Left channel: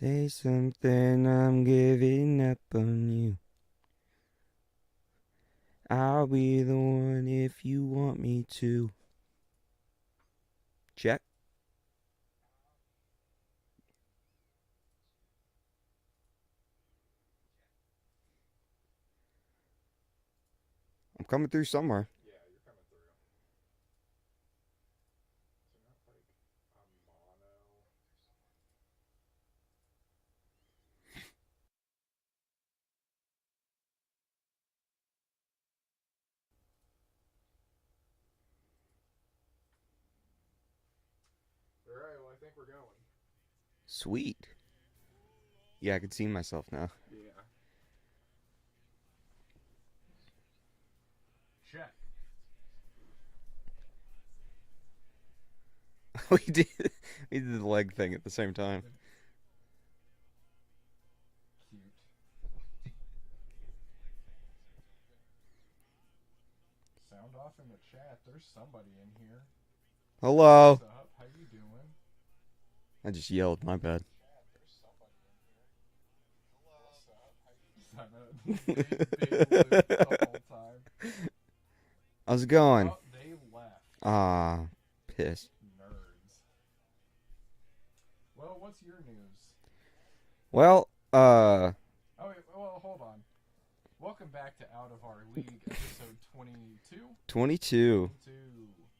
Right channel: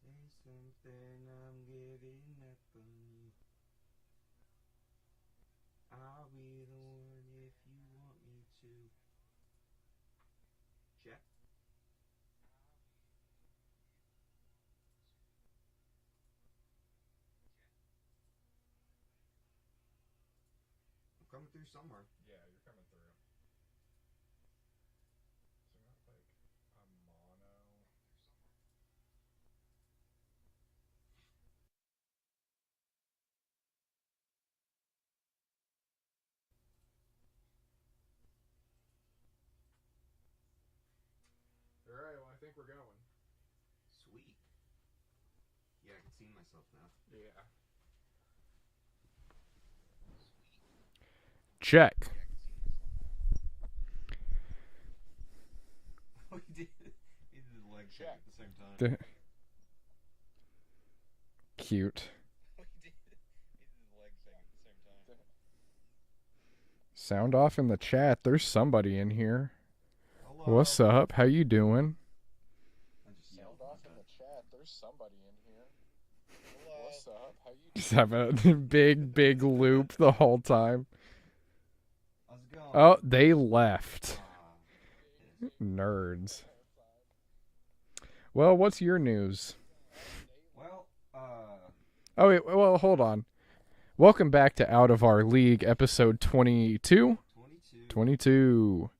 Say something, I'm giving up on you. I'll be the one if you want me to. Check. I'm coming through somewhere. Alright, well, I think we're going. Sweet. Yeah, I can see myself now. Yeah. Check. we did we did the leg thing at the same time. Cute. Sound off in the chat. There's somebody in here. Hello. What's up? How you doing? I just yelled, my bad. Just have a big loop the whole time. How's it going? Oh, they left. Ah, piss. Nerds. Well, what's your news? Well, Oh, wait, well, hold on. Welcome back to Out of Our League, episode 22. 22. 22.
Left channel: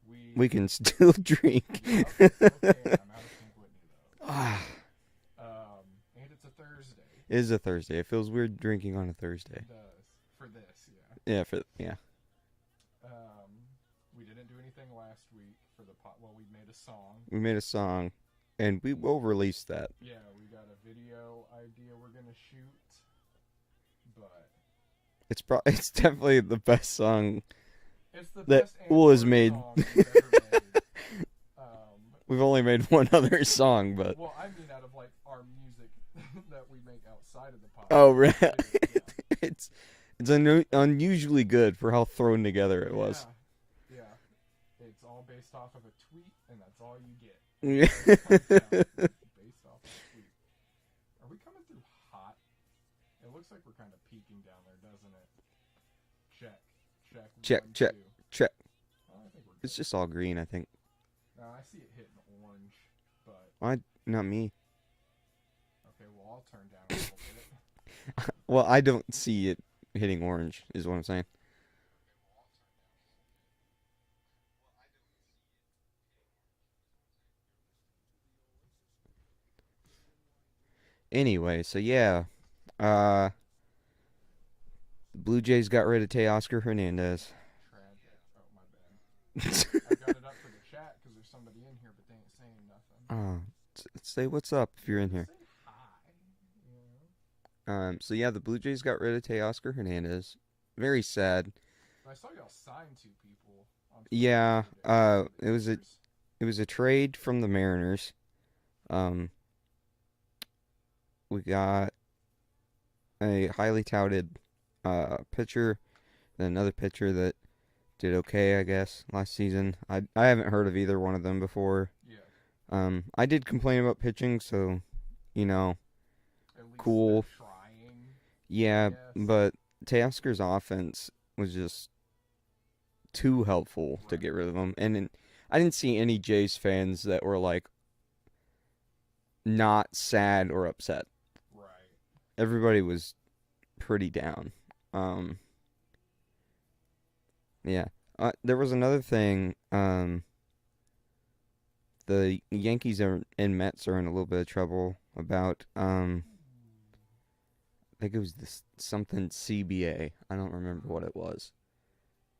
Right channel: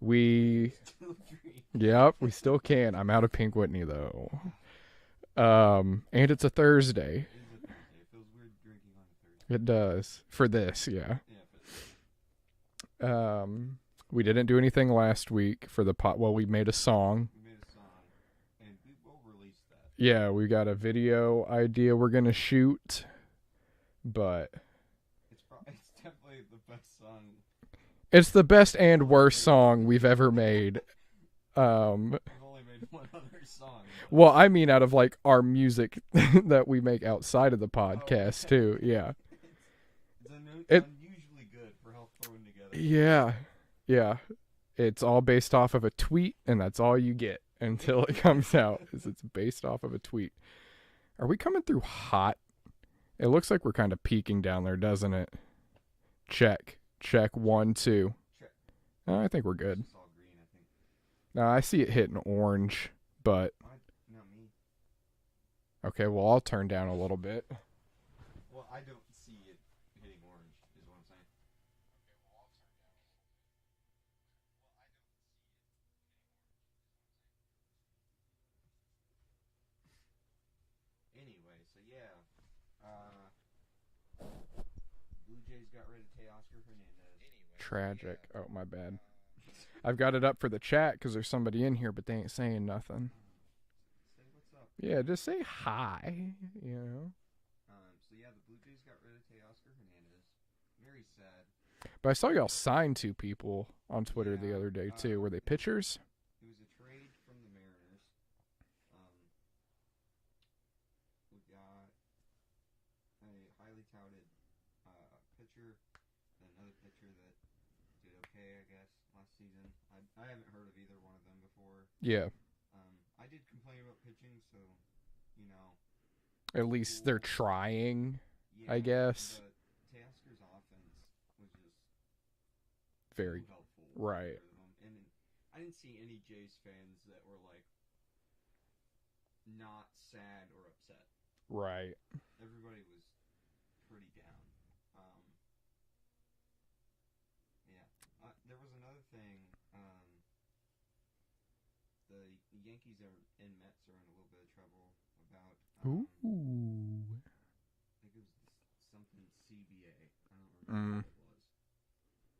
We can still drink. Yep, we still can. I'm out of Pink Whitney, though. And it's a Thursday. It is a Thursday. It feels weird drinking on a Thursday. It does. For this, yeah. Yeah. We didn't do anything last week for the pot. Well, we made a song. We made a song, and we will release that. Yeah, we got a video idea we're gonna shoot, but It's definitely the best song. it's the best and Pool is worst made. song we've ever made. We've only made one other song, but Well, I mean, out of like our music that we make outside of the podcast right. too. Yeah, it's unusually good for how thrown together it was. Yeah. It's all based off of a tweet, and that's all you get until it comes out. It's based off of a tweet. Are we coming through hot? It looks like we're kind of peaking down there, doesn't it? Check. One, check, 2. check. Oh, I think we're good. It's just all green, I think. No, I see it hitting orange, but Not me. okay. Well, I'll turn down a little bit. Well, I don't see it hitting orange, is what I'm saying. Anyway, so yeah. The Blue Jays got rid of Teoscar Hernandez. Tragic. Oh, my bad. I've got it up for the chat because there's somebody in here, but they ain't saying nothing. Say what's up if you're Yeah, in just here. say hi. You know. So yeah, the Blue Jays got rid of Teoscar Hernandez. Very sad. But I saw y'all sign 2 people on Twitter Yeah, the other day too. Were they it was a- pitchers? It was a trade from the Mariners. We got a highly touted pitcher, then another pitcher that did okay, I guess, last season. I haven't heard of either one of them before. Yeah. I did complain about pitching, so you know, At least cool. they're trying. yeah, guess. but Teoscar's offense was just too helpful to get right. rid of him. And I didn't see any Jays fans that were like not sad or upset. Right. Everybody was pretty down. Yeah. There was another thing. The Yankees and Mets are in a little bit of trouble about. I think it was this something CBA. I don't remember what it was.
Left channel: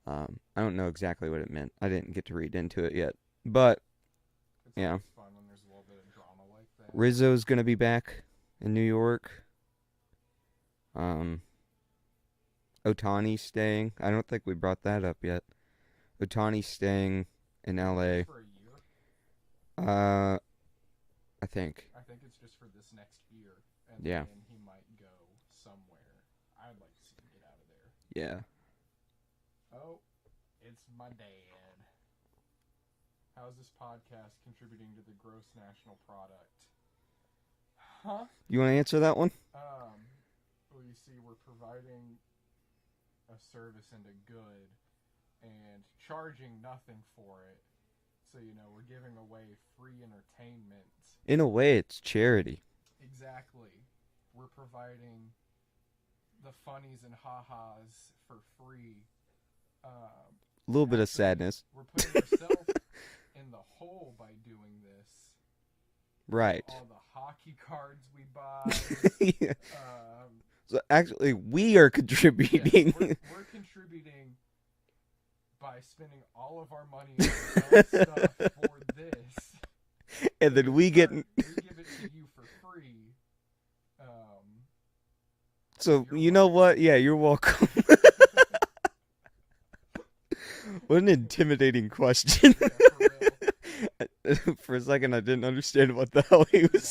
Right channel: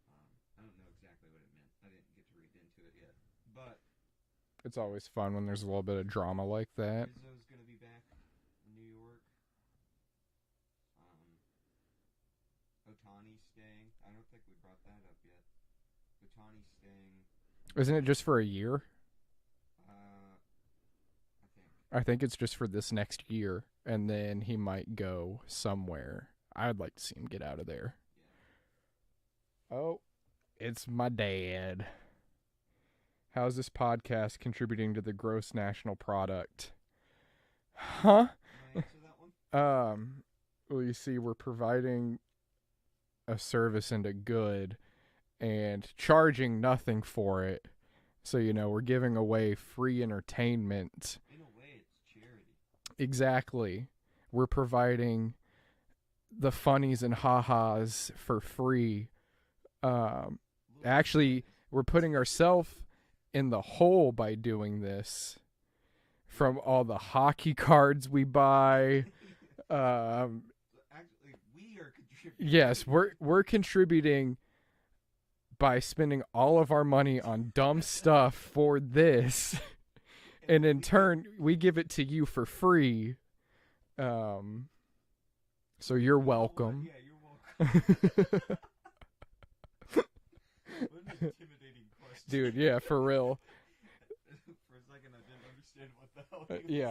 I don't know exactly what it meant. I didn't get to read into it yet. But It's always fun when there's a little bit of drama like that. Rizzo's gonna be back in New York. Otani's staying. I don't think we brought that up yet. Otani's staying in Isn't LA. it just for a year? I think. I think it's just for this next year, and Yeah. then he might go somewhere. I'd like to see him get out of there. Yeah. Oh, it's my dad. How's this podcast contributing to the gross national product? Huh? You want to answer that one? Well, you see, we're providing a service and a good and charging nothing for it. So, we're giving away free entertainment. In a way, it's charity. Exactly. We're providing the funnies and ha-has for free. A little bit Actually, of sadness. We're putting ourselves in the hole by doing this. Right. From all the hockey cards we buy. Yeah. So actually, we are contributing. Yes, we're contributing by spending all of our money on dumb stuff for this. and then in we turn, we give it to you for free. So you're you know what? welcome. Yeah, you're welcome. What an intimidating question. Dude, yeah, for real. For a second, I didn't understand what the hell he was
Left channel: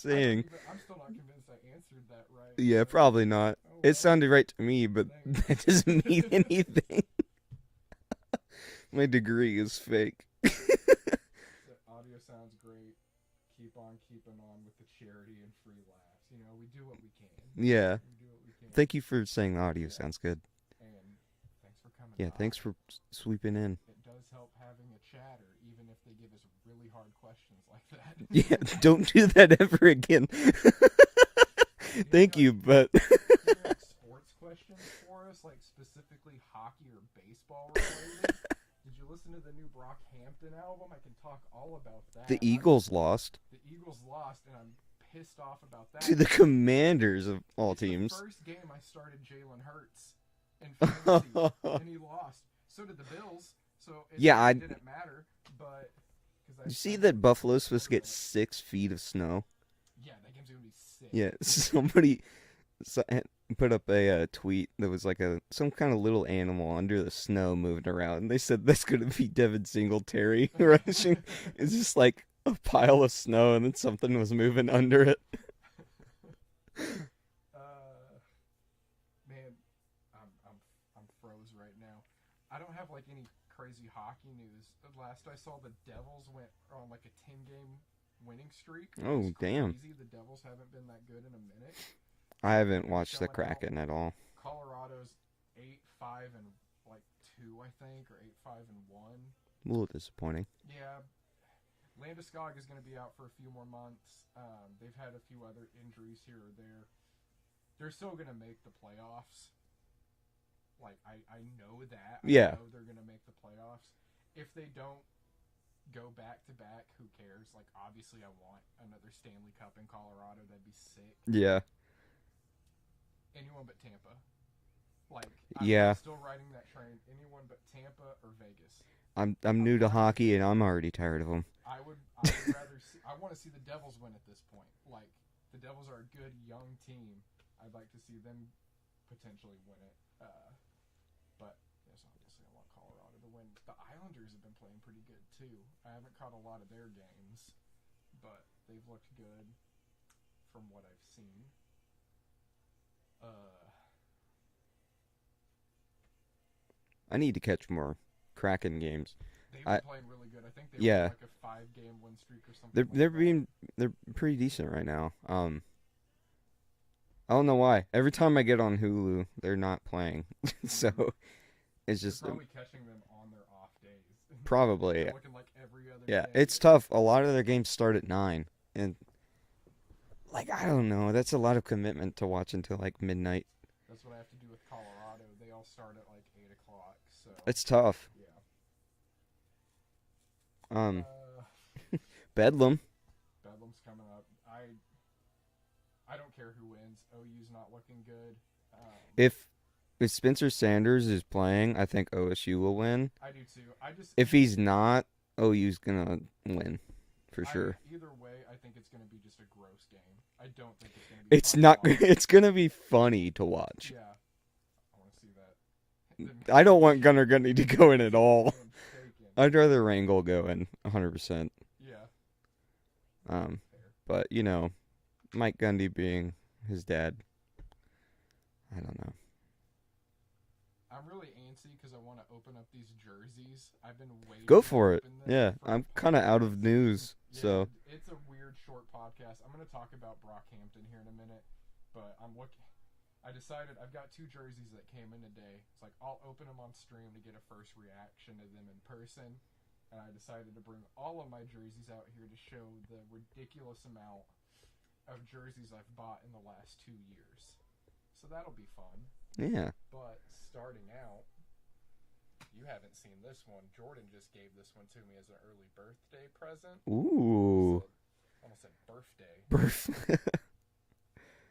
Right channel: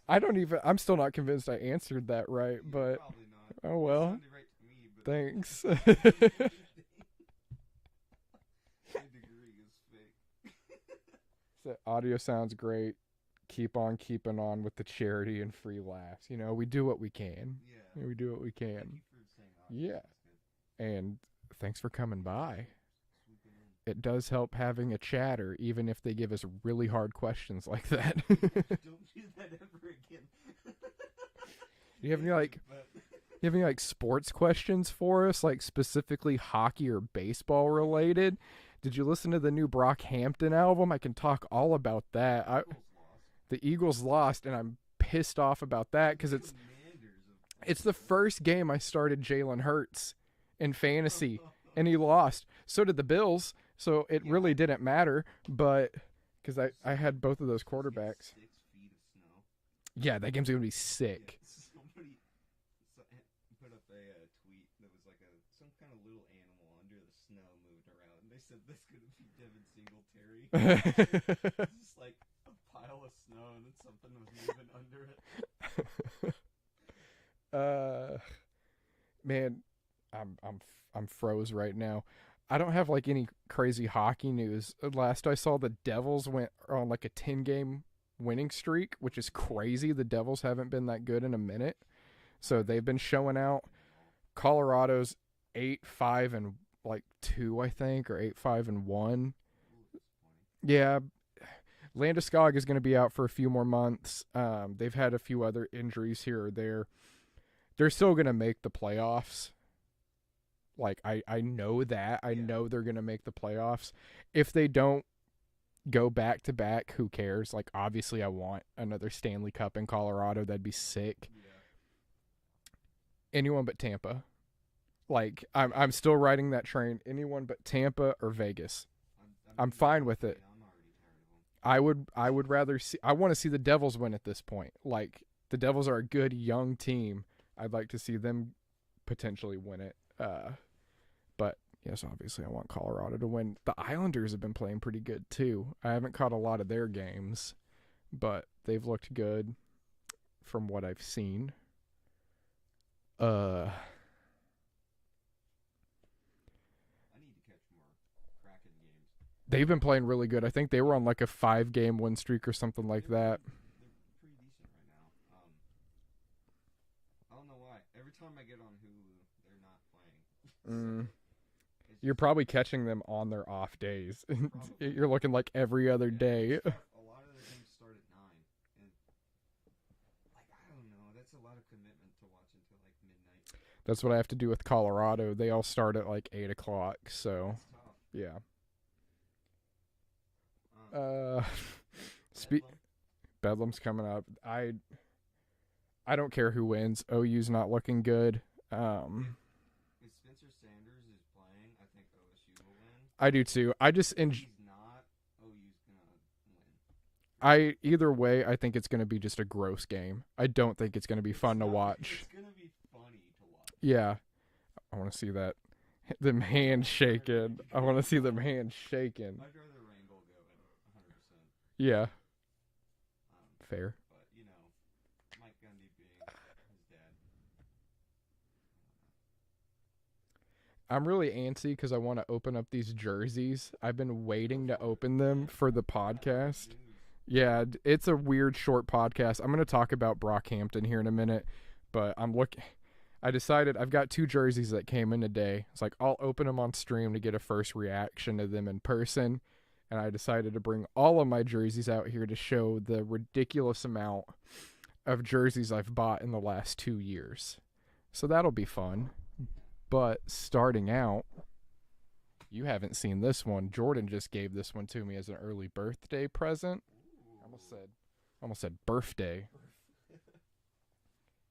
saying. I'm still not convinced I answered that right. Yeah, but, probably not. oh It well. sounded right to me, but Thanks. it doesn't mean anything. My degree is fake. The audio sounds great. Keep on keeping on with the charity and free laughs. We do what we can. Yeah. We do what we can. Thank you for saying the audio Yeah. sounds good. And thanks for coming Yeah, by. thanks for sweeping in. It does help having a chatter, even if they give us really hard questions like that. Yeah, don't do that ever again. Thank you, but you have any sports questions for us, like specifically hockey or baseball related? Did you listen to the new Brockhampton album? I can talk all about that. the Eagles lost The Eagles lost, and I'm pissed off about that. to the 'cause Commanders of all it's teams. the first game I started Jalen Hurts in fantasy, and he lost. So did the Bills. So it Yeah, really didn't matter. But because I You see I had that both of Buffalo's those supposed to get quarterbacks. 6 feet of snow? Yeah, that game's gonna be sick. Yeah, somebody put up a tweet that was like some kind of little animal under the snow moving around. And they said that's going to be Devin Singletary rushing. It's just like a pile of snow, and then something was moving under it. Man, I'm froze right now. I don't have like any crazy hockey news. Last I saw, the Devils went on like a 10-game winning streak, which is damn. crazy. The Devils haven't been that good in a minute. So I they've haven't been watched showing the out. Kraken at all. Colorado's 8-5-2, I think, or 8-5-1. A little disappointing. Yeah, Landeskog is going to be out for a few more months. They've had a few other injuries here or there. They're still going to make the playoffs. Like, I know that. I know they're going to make the playoffs. If they don't go back-to-back, who cares? Like, obviously I want another Stanley Cup in Colorado. That'd be sick. Yeah. Anyone but Tampa. Like, I'm still riding that train. Anyone but Tampa or Vegas. I'm new to fine with hockey, it. and I'm already tired of them. I would rather see. I want to see the Devils win at this point. Like, the Devils are a good young team. I'd like to see them potentially win it. But yes, obviously I want Colorado to win. The Islanders have been playing pretty good too. I haven't caught a lot of their games, but they've looked good from what I've seen. I need to catch more Kraken games. They've been playing really good. I think they were on like a 5-game win streak or something They're pretty decent right now. I don't know why. Every time I get on Hulu, they're not playing. So it's just you're probably catching them on their off days. Probably. You're looking like every other day. It's tough. A lot of their games start at 9, and like I don't know. That's a lot of commitment to watch until like midnight. That's what I have to do with Colorado. They all start at like 8 o'clock. So It's tough. yeah. Bedlam. Bedlam's coming up. I don't care who wins. OU's not looking good. If Spencer Sanders is playing, I think OSU will win. I do too. If he's not, OU's gonna win. For sure. Either way, I think it's gonna be just a gross game. I don't think it's gonna be It's fun not. to watch. It's gonna be funny to watch. Yeah, I want to see that. I don't want Gunnar Gundy to go in at at all. Shaking. I'd rather Rangel go in 100%. Yeah. Fair. But Mike Gundy being his dad, I don't know. I'm really antsy because I want to open up these jerseys. I've been waiting Go to for it. open them Yeah, for I'm the podcast. kind of out of news. Yeah, so. it's a weird short podcast. I'm going to talk about Brockhampton here in a minute, but I decided I've got 2 jerseys that came in today. It's like I'll open them on stream to get a first reaction to them in person, and I decided to bring all of my jerseys out here to show the ridiculous amount of jerseys I've bought in the last 2 years. So that'll be fun. Yeah. But starting out, you haven't seen this one. Jordan just gave this one to me as an early birthday present. Ooh. Almost said birthday. Birth.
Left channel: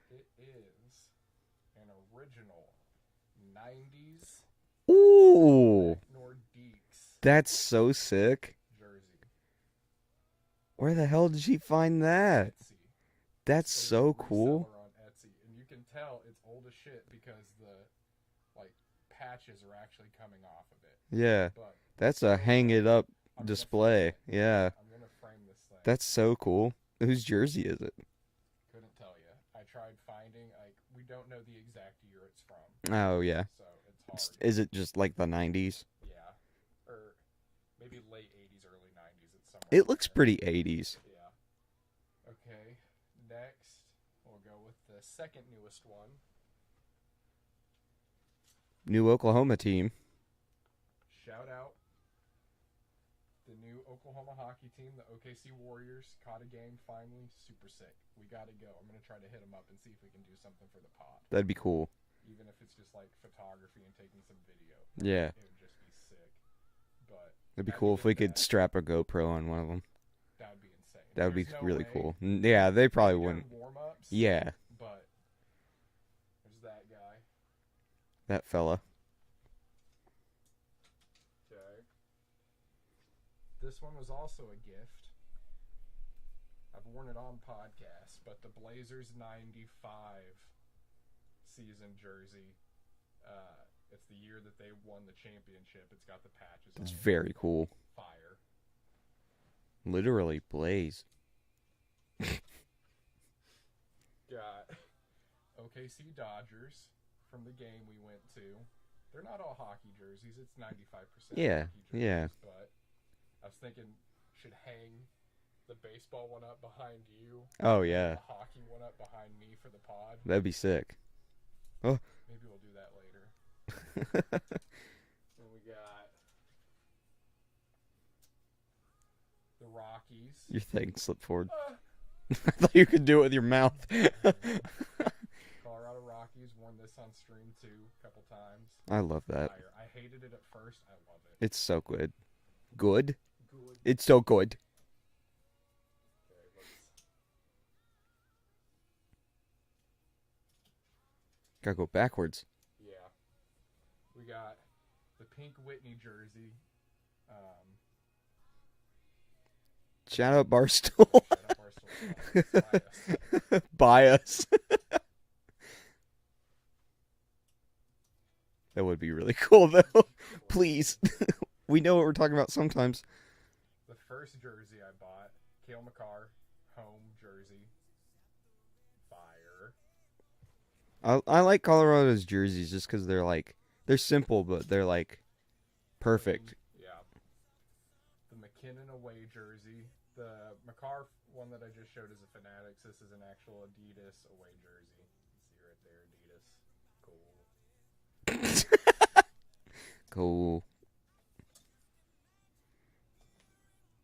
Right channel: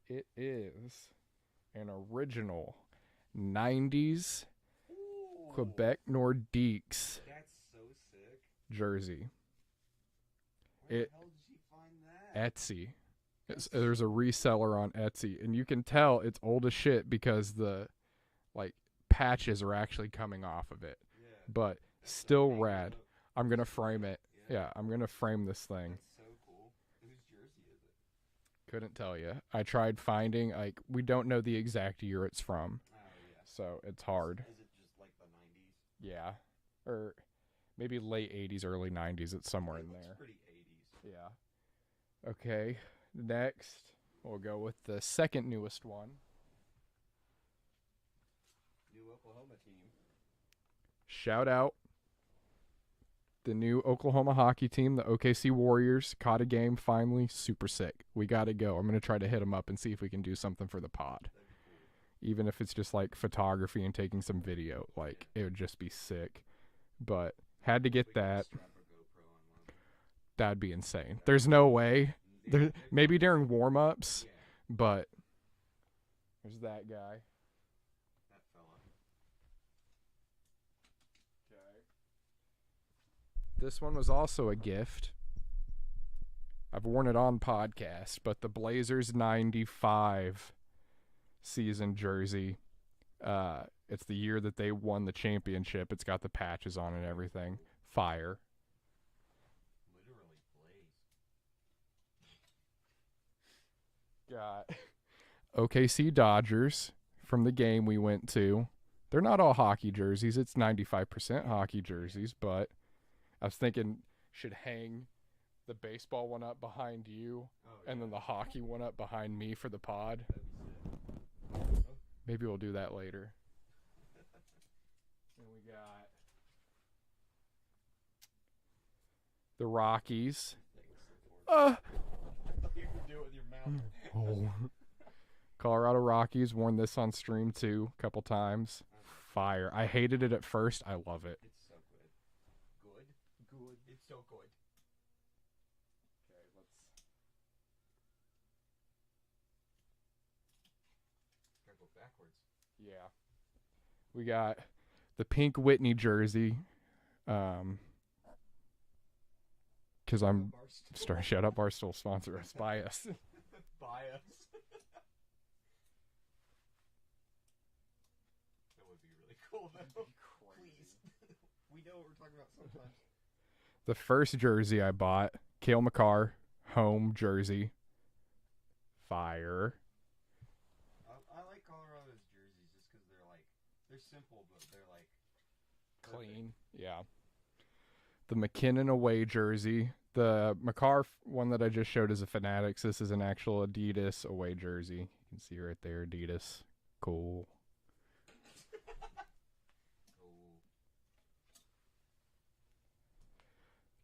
It is an original 90s Ooh. Beck Nordiques That's so sick. jersey. Where the hell did she find that? Etsy. That's There's so a reseller cool. on Etsy, and you can tell it's old as shit because the patches are actually coming off of it. Yeah. But That's still a hang it rad. up I'm display. gonna frame it. Yeah. I'm gonna frame this thing. That's so cool. Whose jersey is it? Couldn't tell you. I tried finding we don't know the exact year it's from, Oh, yeah. so it's hard. Is it just like the 90s? Yeah, or maybe late 80s, early 90s. It's somewhere. It in looks there. pretty 80s. Yeah. Okay. Next, we'll go with the second newest one. New Oklahoma team. Shout out the new Oklahoma hockey team, the OKC Warriors. Caught a game finally. Super sick. We got to go. I'm going to try to hit them up and see if we can do something for the pod. That'd be cool. Even if it's just like photography and taking some video. Yeah. It would just be sick. But It'd be had cool to if get we that. could strap a GoPro on one of them. That'd be insane. That'd There's be no really way. cool. Yeah, they probably Maybe during wouldn't. warm-ups. Yeah, But there's that guy. that fella. This one was also a gift. I've worn it on podcast, but the Blazers 95 season jersey. It's the year that they won the championship. It's got the patches on It's it. and very everything. cool. Fire. Literally blaze. Got OKC Dodgers from the game we went to. They're not all hockey jerseys. It's 95% Yeah, hockey jerseys, yeah. but I was thinking should hang the baseball one up behind you. Oh, And then yeah. the hockey one up behind me for the pod. That'd be sick. Maybe we'll do that later. And we got the Rockies. Your thing slipped forward. Uh, I thought you could do it with your mouth. Colorado Rockies. Worn this on stream too a couple times. I love that. Fire. I hated it at first. I love it. It's so good. Good? It's so good. Gotta go backwards. Yeah. We got the pink Whitney jersey. 'Cause Shout I'm- out Barstool. Sorry, shout out Barstool sponsor. It's bias. Buy us. That would be really cool, though. Please. We know what we're talking about sometimes. The first jersey I bought, Cale Makar, home jersey. Fire. I like Colorado's jerseys just because they're simple, but they're perfect. Yeah. The McKinnon away jersey. The Makar one that I just showed is a Fanatics. This is an actual Adidas away jersey. You can see right there, Adidas. Cool. Cool.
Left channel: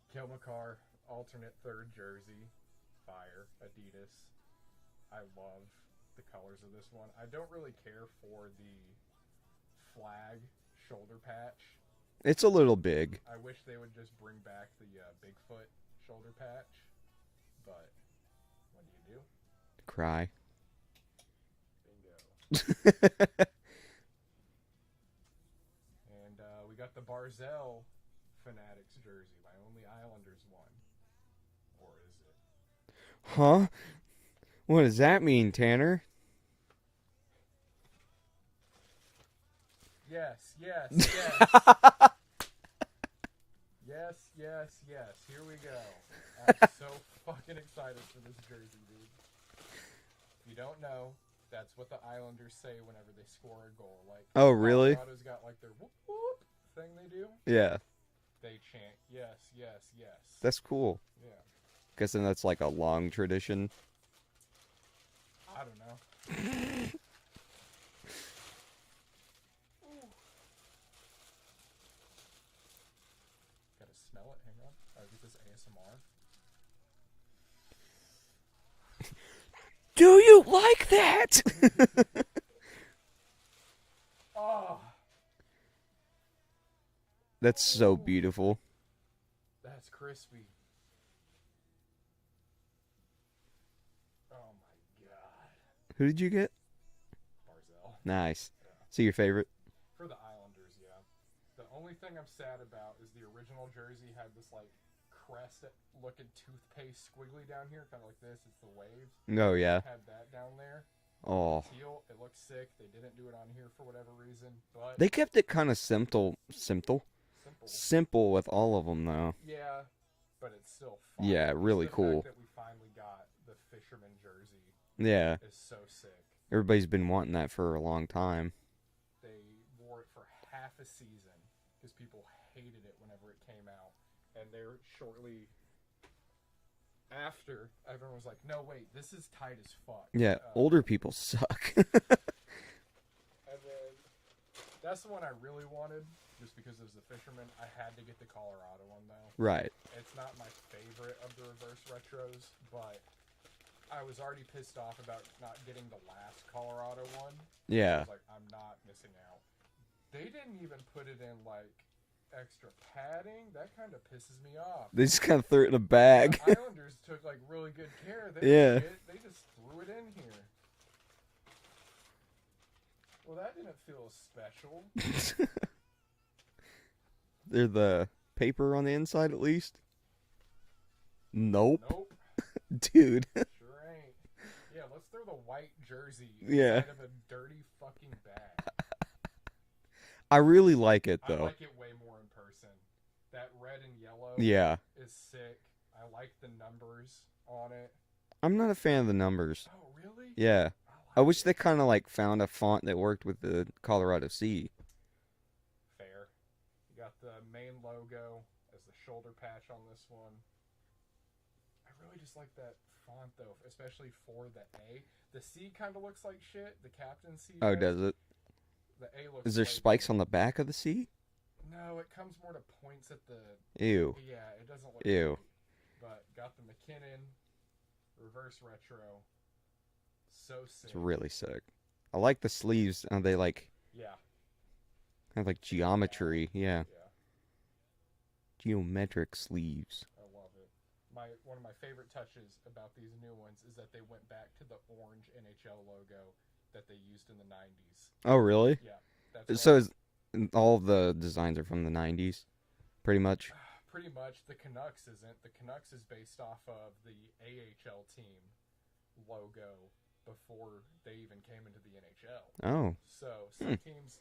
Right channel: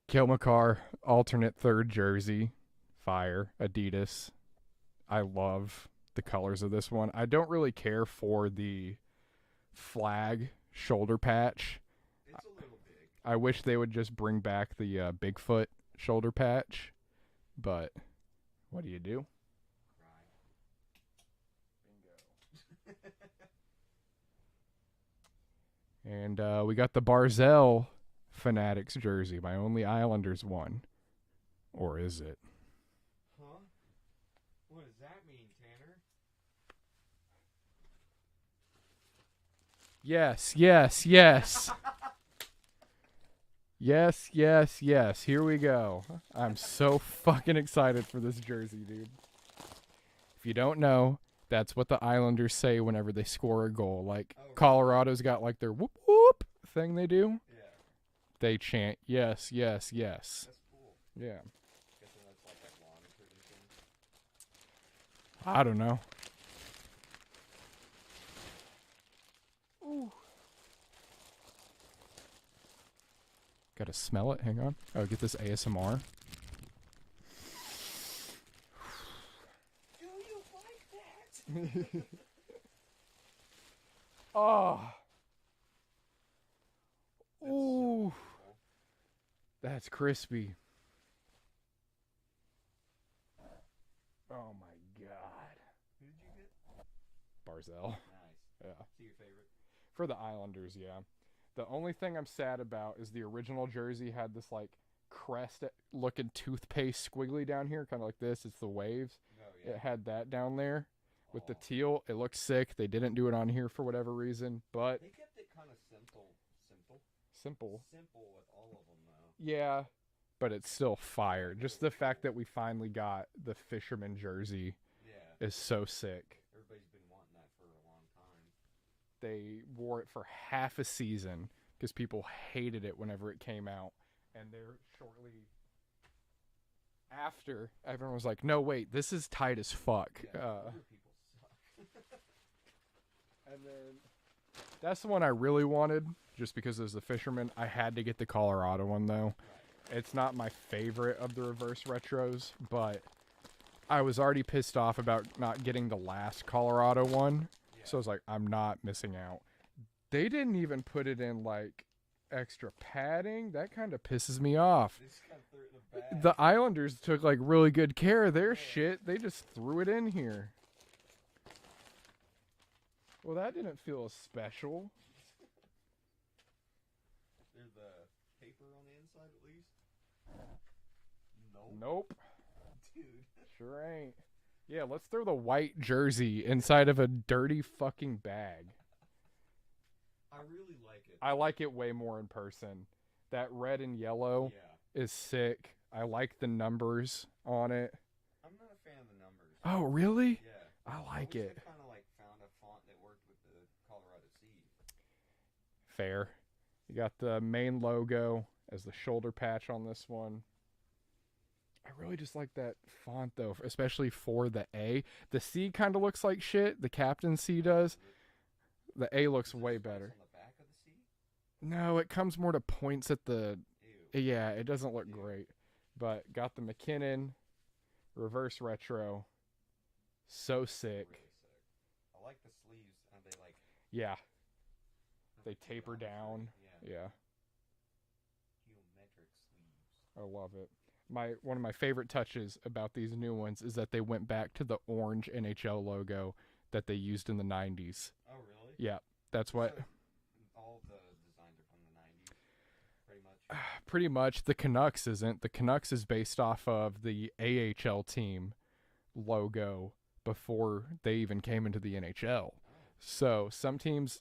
Cale Makar, alternate third jersey. Fire. Adidas. I love the colors of this one. I don't really care for the flag shoulder patch. It's a little big. I wish they would just bring back the Bigfoot shoulder patch. But what do you do? Cry. And we got the Barzell Fanatics jersey, my only Islanders one. Or is it? Huh? What does that mean, Tanner? Yes, yes, yes. Yes, yes, yes. Here we go. I'm so fucking excited for this jersey, dude. If you don't know, That's what the Islanders say whenever they score a goal. Like, Oh, really? Colorado's got like their whoop whoop thing they do. Yeah, They chant yes, yes, yes. that's cool. Yeah. Guessing that's like a long tradition. I don't know. Gotta smell it. Hang on. Oh, get this ASMR. Do you like that? Oh, That's so Ooh. beautiful. that's crispy. Oh my god. Who did you get? Barzell. Nice. Yeah. So your favorite? For the Islanders, yeah. The only thing I'm sad about is the original jersey had this like crest looking toothpaste squiggly down here, kind of like this. It's the waves. Oh yeah. It had that down there. Oh, The teal, it looked sick. They didn't do it on here for whatever reason, but they kept it kind of simple simple. with all of them though. Yeah, but it's still fire. Yeah, Just really the cool. fact that we finally got the fisherman jersey Yeah, is so sick. everybody's been wanting that for a long time. They wore it for half a season because people hated it whenever it came out, and they're shortly after everyone was like, "No, wait, this is tight as fuck." Yeah, older people suck. And then that's the one I really wanted, just because as the fisherman, I had to get the Colorado one though. Right. It's not my favorite of the reverse retros, but I was already pissed off about not getting the last Colorado one. Yeah. So I was like, I'm not missing out. They didn't even put it in like extra padding. That kind of pisses me off. They just kind of threw it in a bag. The Islanders took like really good care of their Yeah. shit. They just threw it in here. Well, that didn't feel as special. They're the paper on the inside at least. Nope. Nope, Dude. sure ain't. Yeah, let's throw the white jersey inside of a dirty fucking bag. I really like it though. I like it way more in person. That red and yellow Yeah. is sick. I like the numbers on it. I'm not a fan of the numbers. Oh, really? Yeah. I I wish it. they kind of like found a font that worked with the Colorado Sea. Fair. You got the main logo as the shoulder patch on this one. I really just like that font though, especially for the A. The C kind of looks like shit. The captain C does. Oh, does it? The A looks. Is there way spikes better. on the back of the sea? No, it comes more to points at the. Ew. Yeah, it doesn't look Ew. great. But got the McKinnon reverse retro. So sick. It's really sick. I like the sleeves. They like Yeah, have like taper geometry. Yeah. yeah. Geometric sleeves. I love it. One of my favorite touches about these new ones is that they went back to the orange NHL logo that they used in the 90s. Oh, really? Yeah, that's what, So all of the designs are from the 90s, pretty much. pretty much the Canucks isn't. The Canucks is based off of the AHL team logo before they even came into the NHL. Oh, So some teams,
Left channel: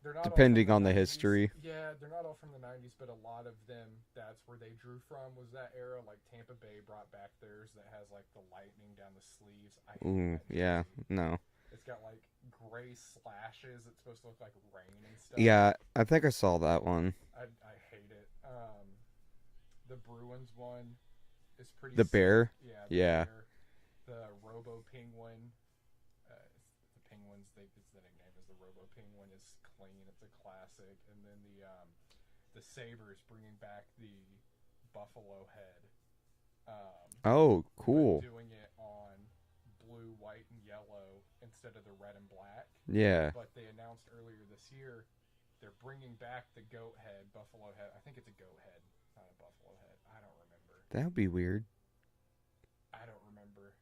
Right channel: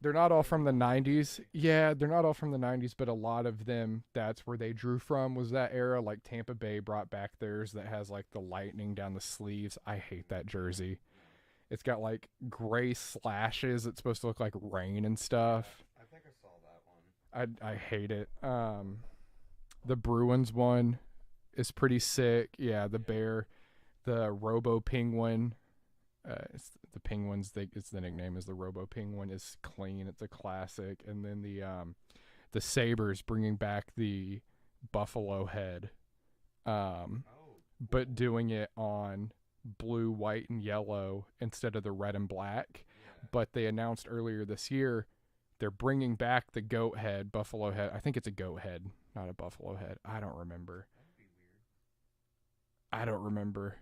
they're not Depending all from on the the 90s. history. Yeah, they're not all from the 90s, but a lot of them, that's where they drew from, was that era. Like Tampa Bay brought back theirs that has like the lightning down the sleeves. I hate that jersey. Yeah, no. It's got like gray slashes. It's supposed to look like rain and stuff. Yeah, I think I saw that one. I hate it. The Bruins one is pretty The sick. bear? Yeah, the Yeah. bear. The Robo Penguin. It's the Penguins. It's the nickname is the Robo Penguin. Is clean. It's a classic. And then the Sabres bringing back the Buffalo head. Oh, cool. But doing it on blue, white, and yellow instead of the red and black. Yeah. But they announced earlier this year they're bringing back the goat head, buffalo head. I think it's a goat head, not a buffalo head. I don't remember. That would be weird. I don't remember.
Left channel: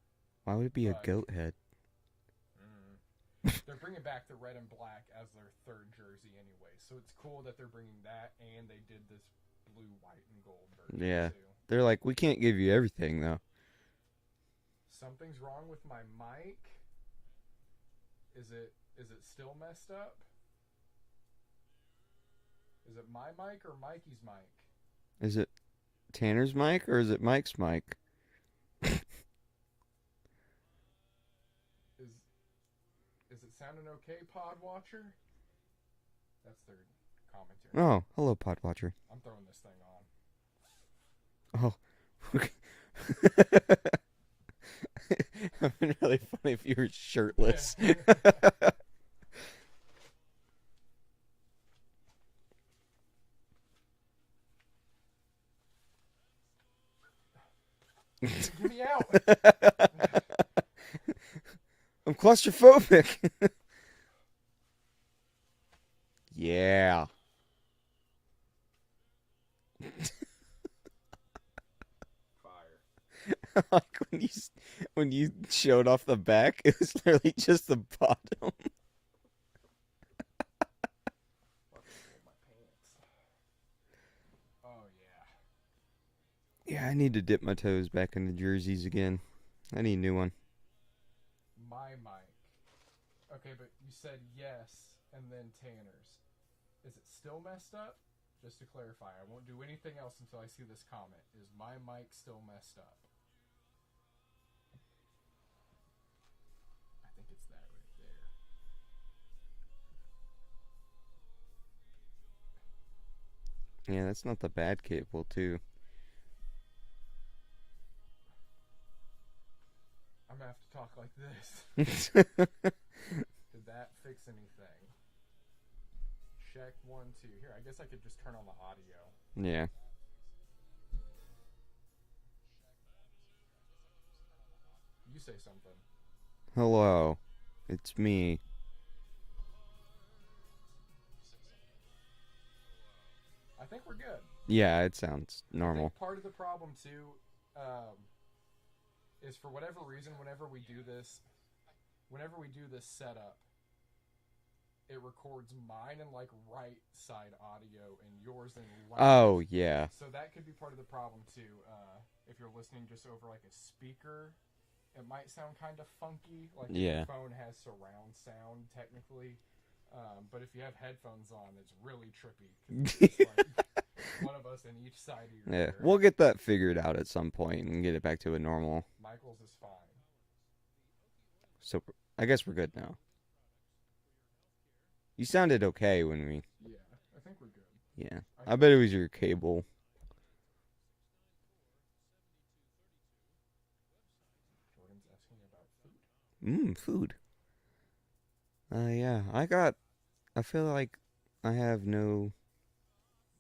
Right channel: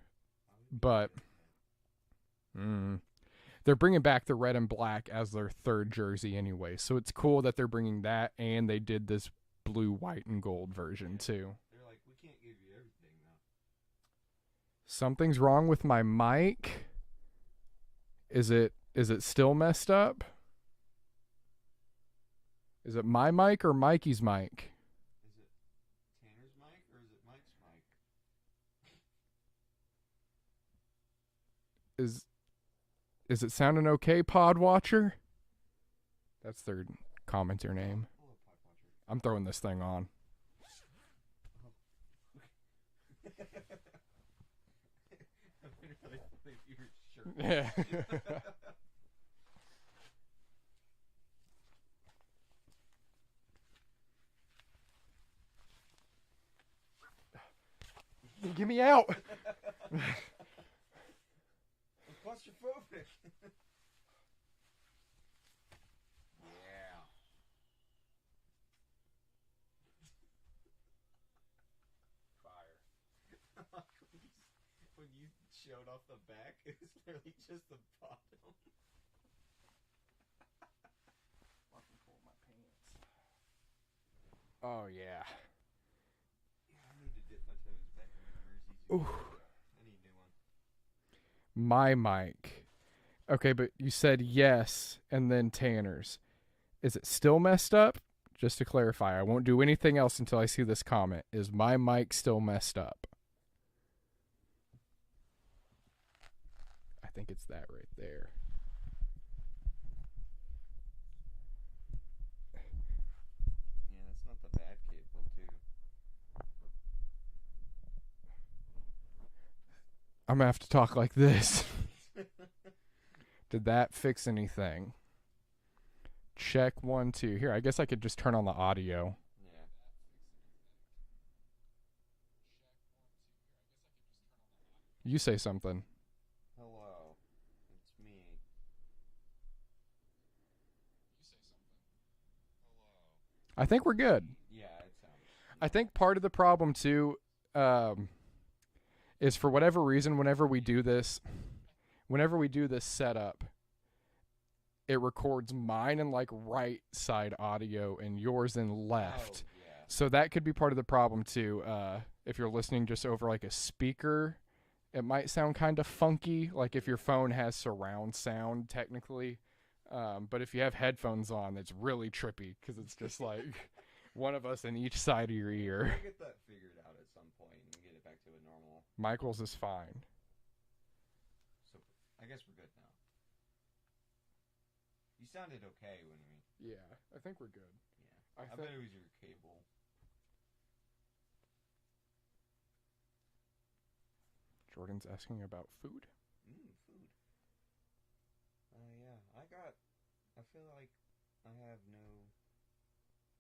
Why would it be But- a goat head? They're bringing back the red and black as their third jersey anyway. So it's cool that they're bringing that, and they did this blue, white, and gold version Yeah. too. They're like, we can't give you everything, though. Something's wrong with my mic. Is it still messed up? Is it my mic or Mikey's mic? Is it Tanner's mic or is it Mike's mic? Is it sounding okay, Pod Watcher? That's their commenter name. Oh, hello, Podwatcher. I'm throwing this thing on. Oh. It would be really funny if you were shirtless. Get me out. I'm claustrophobic. Yeah. Fire. Like when you showed off the back, it was literally just the bottom. Oh yeah. Yeah, I need to dip my toes back in the jerseys again. Ooh. I need a new one. My mic. Okay, but you said yes and then Tanner's. Is it still messed up? Just to clarify, I won't do anything else until I see this comment. Is my mic still messed up? I think it's that right there. Yeah, that's not the bad cable, too. I'm gonna have to talk like this. Did that fix anything? Check 1, 2. Here, I guess I could just turn on the audio. Yeah. You say something. Hello. It's me. I think we're good. Yeah, it sounds normal. I think part of the problem too is for whatever reason whenever we do this setup, it records mine in like right side audio and yours in left. Oh, yeah. So that could be part of the problem too. If you're listening just over like a speaker, it might sound kind of funky, like if your Yeah. phone has surround sound technically. But if you have headphones on, it's really trippy because it's just like one of us in each side of your Yeah. ear. We'll get that figured out at some point and get it back to a normal. Michael's is fine. So I guess we're good now. You sounded okay when we... Yeah, I think we're good. Yeah. I bet it was your cable. Jordan's asking about food. Food. Yeah. I feel like I have no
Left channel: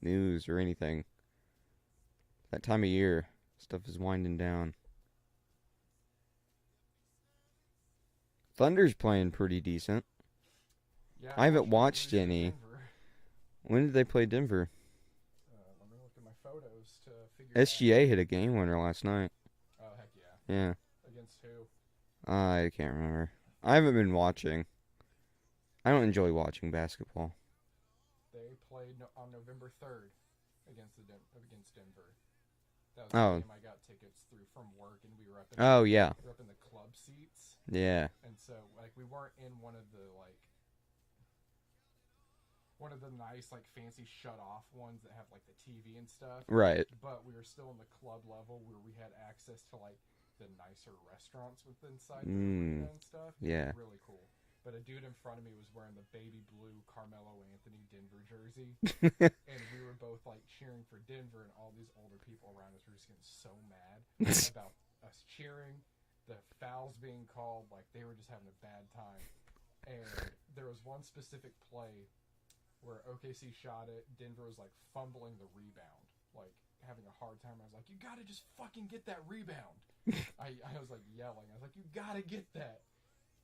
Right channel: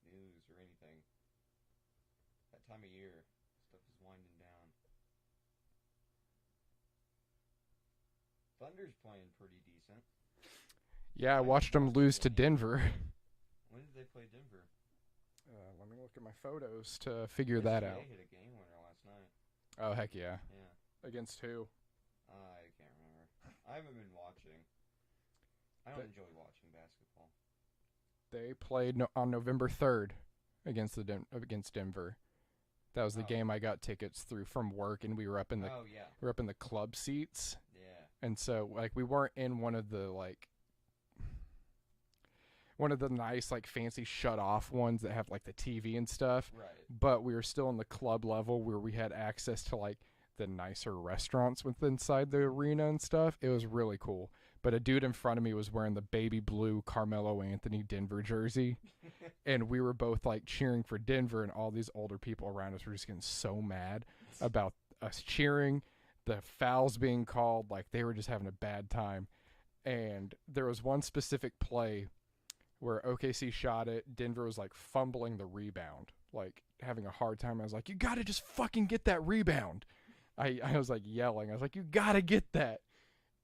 news or anything. That time of year, stuff is winding down. Thunder's playing pretty decent. Yeah, I haven't watched them watched lose any. to Denver. When did they play Denver? Let me look at my photos to figure that out. SGA hit a game winner last night. Oh, heck yeah. Yeah. Against who? I can't remember. I haven't been watching. I don't enjoy watching basketball. They played on November 3rd against against Denver. That was the Oh. game I got tickets through from work, and we were up in Oh, yeah. we were up in the club seats, Yeah. and so like we weren't in one of the nice like fancy shut off ones that have like the TV and stuff. Right. But we were still in the club level where we had access to like the nicer restaurants within inside the arena and stuff. It was Yeah. really cool. But a dude in front of me was wearing the baby blue Carmelo Anthony Denver jersey. And we were both like cheering for Denver, and all these older people around us were just getting so mad about us cheering, the fouls being called, like they were just having a bad time. And there was one specific play where OKC shot it. Denver was like fumbling the rebound, like having a hard time. I was like, you got to just fucking get that rebound. I was like yelling. I was like, you got to get that.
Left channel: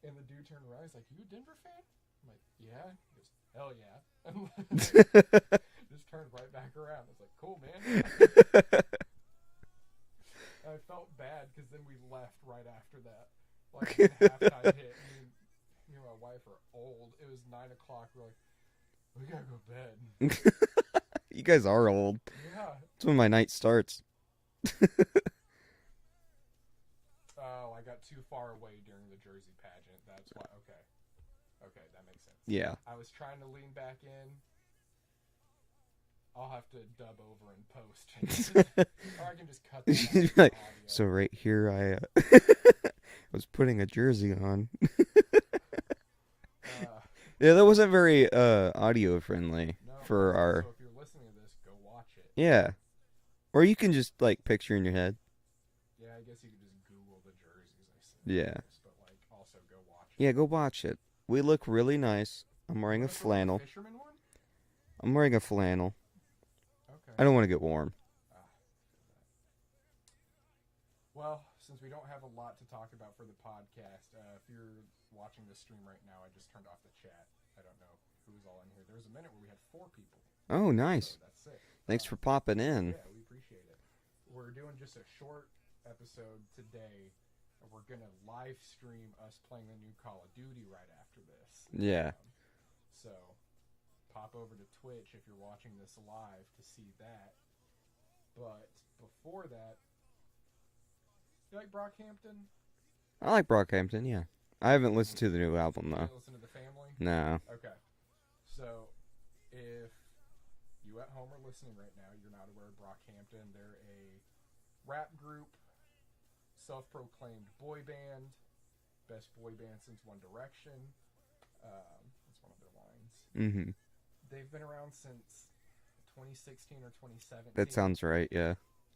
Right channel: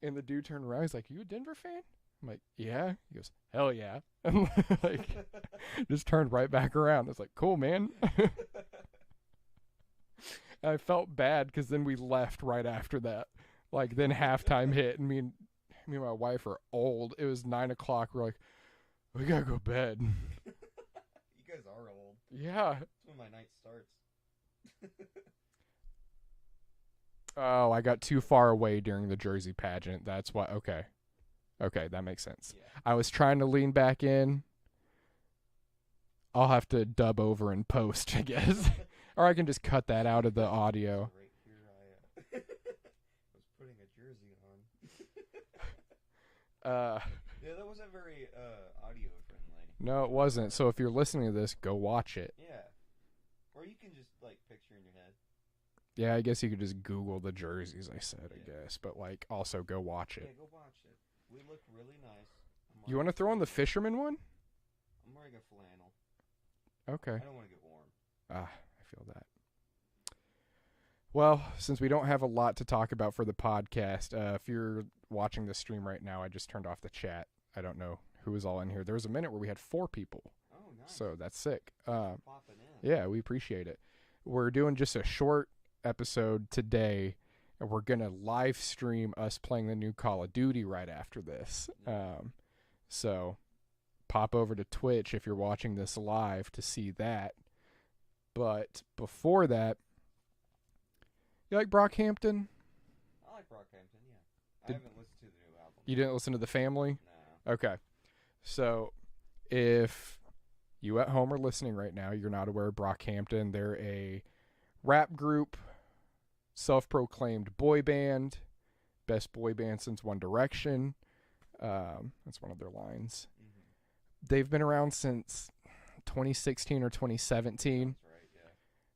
And the dude turned around. He's like, you a Denver fan? I'm like, yeah. He goes, hell yeah. And like, just turned right back around. I was like, cool, man. I felt bad because then we left right after that. Like then halftime hit, and me and my wife are old. It was 9 o'clock. We're like, we gotta go to bed. You guys are old. Yeah. That's when my night starts. Oh, I got too far away during the Jersey pageant. That's why. Okay, that makes sense. Yeah. I was trying to lean back in. I'll have to dub over and post, I guess. Or I can just cut that out of the audio. So right here, I was putting a jersey on. Yeah, that wasn't very audio friendly. No, it for wasn't. our So if you're listening to this, go watch it. yeah, or you can just like picture in your head. Yeah, I guess you could just Google the jerseys. I said Yeah. yes, but like also go watch it. Yeah, go watch it. We look really nice. I'm You wearing want a to throw on the flannel. fisherman one? I'm wearing a flannel. Okay. I don't want to get warm. I feel that. Well, since we don't have a lot to talk about for the podcast, if you're watching this stream right now, I just turned off the chat. I don't know who was all in here. There was a minute where we had 4 people. Oh, nice. So that's sick. Thanks for popping in. Yeah, we appreciate it. We're doing just a short episode today, and we're going to live stream us playing the new Call of Duty right after this. Yeah. So pop over to Twitch if you're watching this live to see that. But before that, you like Brockhampton? I like Brockhampton, yeah. I haven't listened to the new album, You though. didn't listen to The Family? No. Okay. So if you at home are listening right now, you're not aware of Brockhampton. They're a rap group, self-proclaimed boy band, best boy band since One Direction. That's one of their lines. Mm-hmm. They've been around since 2016 or 2017. That sounds right, yeah.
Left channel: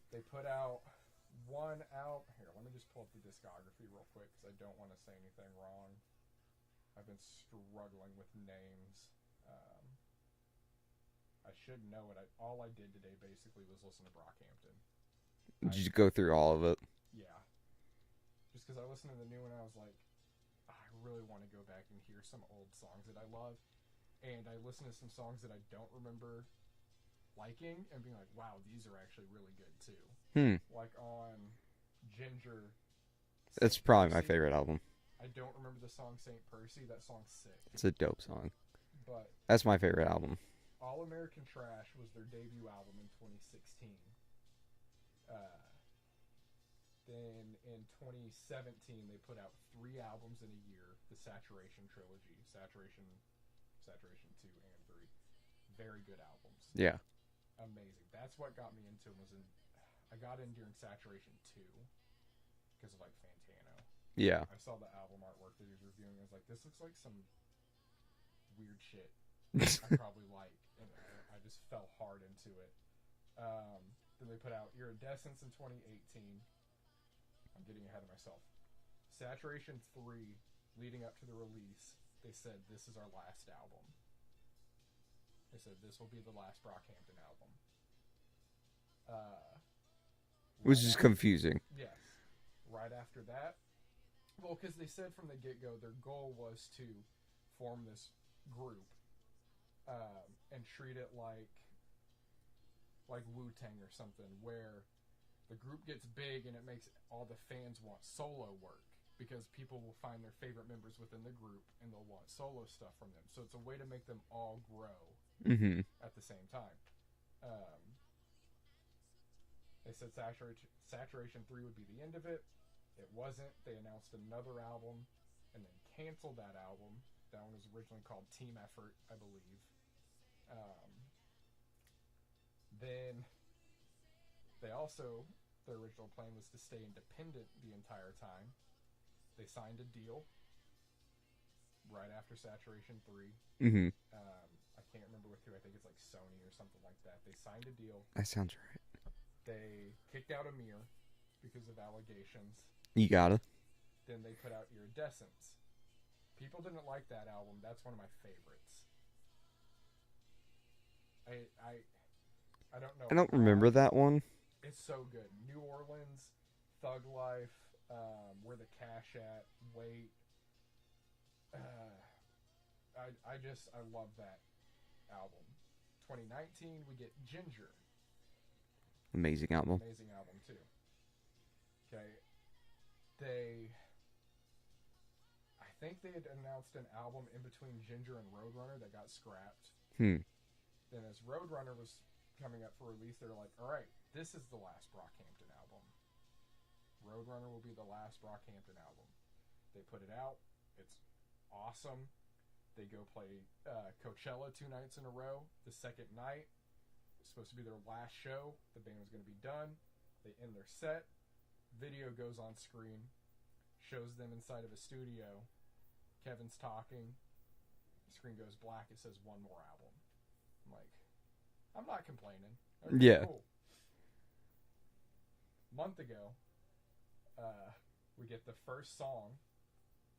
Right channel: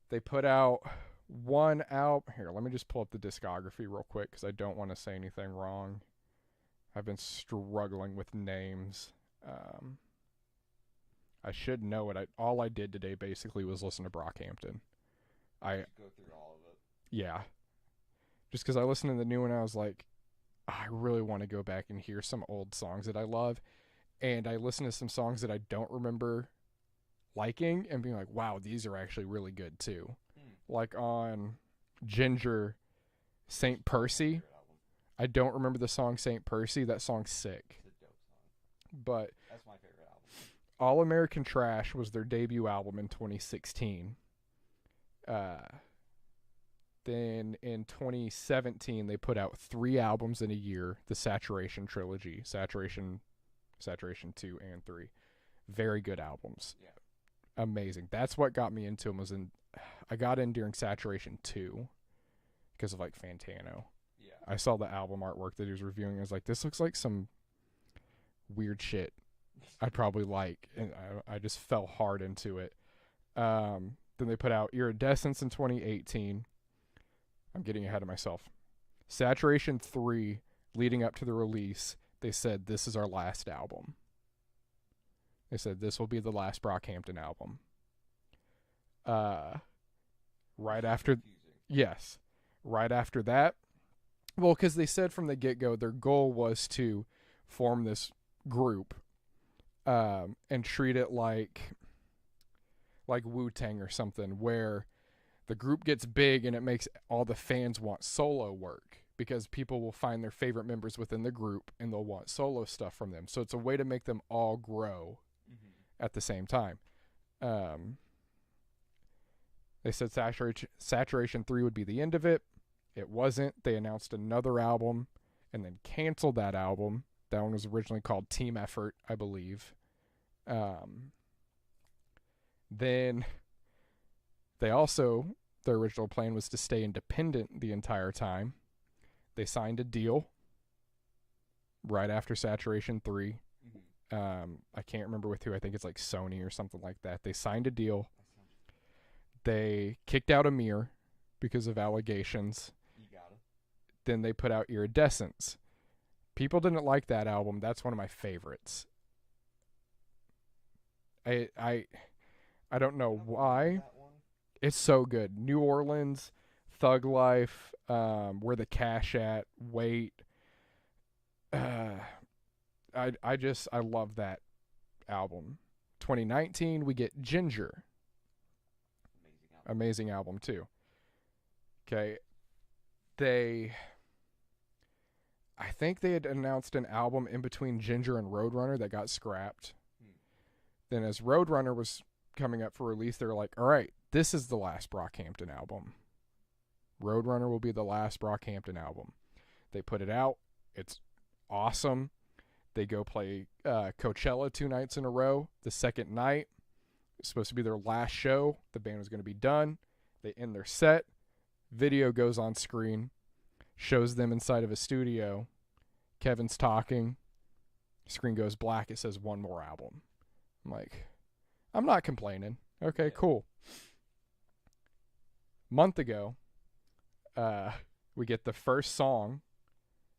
They put out one album. Here, let me just pull up the discography real quick because I don't want to say anything wrong. I've been struggling with names. I should know it. All I did today basically was listen to Brockhampton. Just go through all of it. Yeah. Just because I listened to the new one, I was like, I really want to go back and hear some old songs that I love. And I listened to some songs that I don't remember liking and being like, wow, these are actually really good too. Like on Ginger, Saint It's probably Percy. my favorite album. I don't remember the song Saint Percy. That song's sick. It's a dope song. But That's my favorite album. All American Trash was their debut album in 2016. Then in 2017, they put out 3 albums in a year, the Saturation trilogy, Saturation 2 and 3. Very good albums. Yeah. Amazing. That's what got me into them. I got in during Saturation 2 because of like Fantano. Yeah. I saw the album artwork that he was reviewing. I was like, this looks like some weird shit I probably like. And I just fell hard into it. Then they put out Iridescence in 2018. I'm getting ahead of myself. Saturation 3, leading up to the release, they said, this is our last album. They said, this will be the last Brockhampton album. Which is confusing. Yes. Right after that, well, because they said from the get-go their goal was to form this group and treat it like Wu-Tang or something, where the group gets big and it makes all the fans want solo work because people will find their favorite members within the group and they'll want solo stuff from them. So it's a way to make them all grow at the same time. They said Saturation 3 would be the end of it. It wasn't. They announced another album and then canceled that album. That one was originally called Team Effort, I believe. Then they also, their original plan was to stay independent the entire time. They signed a deal right after Saturation 3. I can't remember with who. I think it's like Sony or something like that. They signed a deal. That sounds right. They kicked out Amir because of allegations. You gotta. Then they put out Iridescence. People didn't like that album. That's one of my favorites. I don't know. I don't why. remember that one. It's so good. New Orleans, Thug Life, Where the Cash At, Wait. I love that album. 2019, we get Ginger. Amazing album. Amazing album too. Okay. I think they had announced an album in between Ginger and Roadrunner that got scrapped. Then as Roadrunner was coming up for release, they were like, all right, this is the last Brockhampton album. Roadrunner will be the last Brockhampton album. They put it out. It's awesome. They go play Coachella 2 nights in a row. The second night, it's supposed to be their last show. The band was going to be done. They end their set. Video goes on screen. Shows them inside of a studio. Kevin's talking. Screen goes black. It says one more album. I'm like, I'm not complaining. Okay, Yeah. cool. Month ago, we get the first song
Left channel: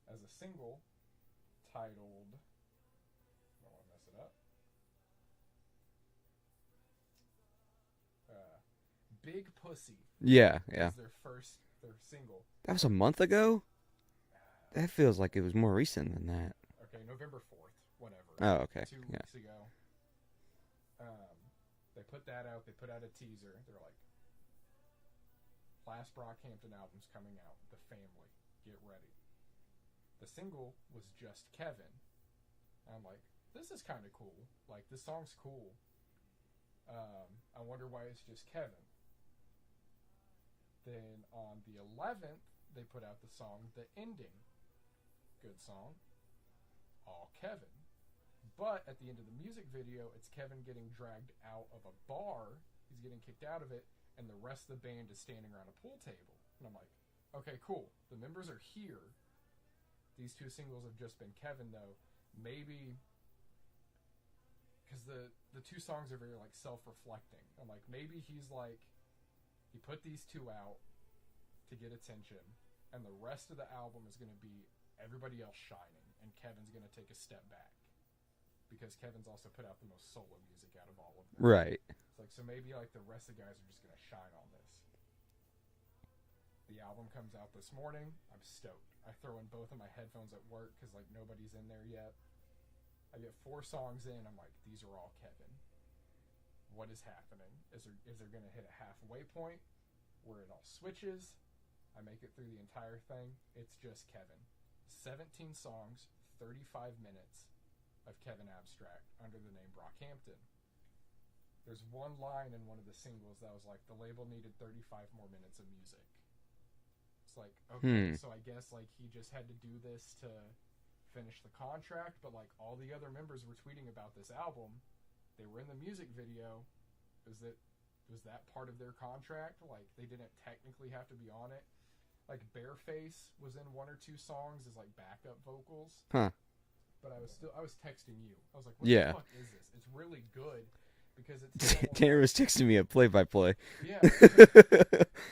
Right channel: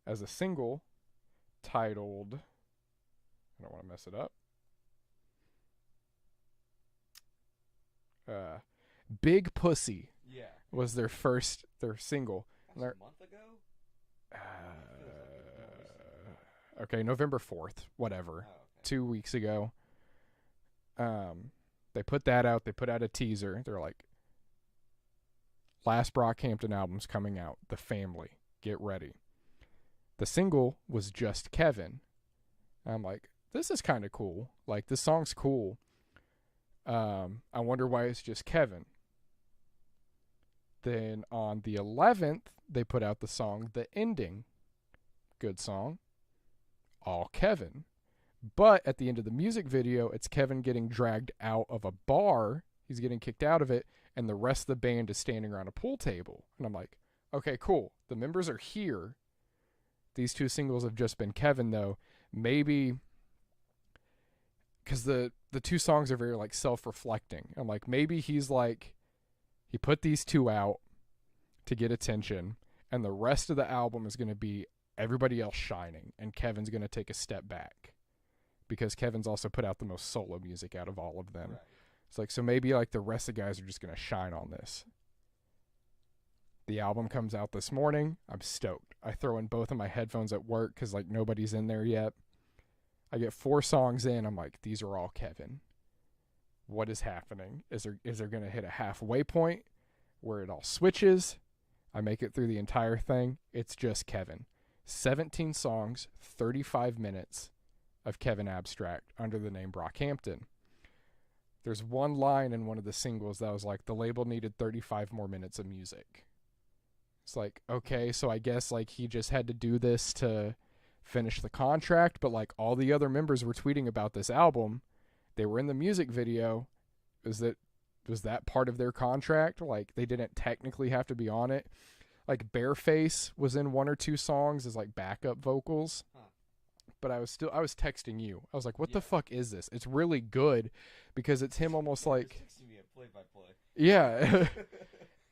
as a single titled, I don't want to mess it up. Big Pussy Yeah. was their single. That was a month ago? That feels like it was more recent than that. Okay, November 4th, whatever. Oh, okay. 2 weeks ago. They put that out. They put out a teaser. They're like, last Brockhampton album's coming out. The Family. Get ready. The single was Just Kevin. I'm like, this is kind of cool. Like, this song's cool. I wonder why it's just Kevin. Then on the 11th, they put out the song The Ending. Good song. All Kevin. But at the end of the music video, it's Kevin getting dragged out of a bar. He's getting kicked out of it, and the rest of the band is standing around a pool table. And I'm like, okay, cool. The members are here. These two singles have just been Kevin, though. Maybe because the two songs are very like self-reflecting. I'm like, maybe he's like, he put these two out to get attention, and the rest of the album is going to be everybody else shining, and Kevin's going to take a step back because Kevin's also put out the most solo music out of all of them. Right. It's like, so maybe like the rest of the guys are just going to shine on this. The album comes out this morning. I'm stoked. I throw in both of my headphones at work because like nobody's in there yet. I get 4 songs in. I'm like, these are all Kevin. What is happening? Is there going to hit a halfway point where it all switches? I make it through the entire thing. It's just Kevin. 17 songs, 35 minutes of Kevin Abstract under the name Brockhampton. There's one line in one of the singles that was like, the label needed 35 more minutes of music. It's like, okay, so I guess like he just had to do this to finish the contract, but like all the other members were tweeting about this album. They were in the music video. Was that part of their contract? Like they didn't technically have to be on it. Like Bareface was in 1 or 2 songs as like backup vocals. Huh. But I was texting you. I was like, what Yeah. the fuck is this? It's really good because it's him almost Tanner like, was texting me a play-by-play. yeah.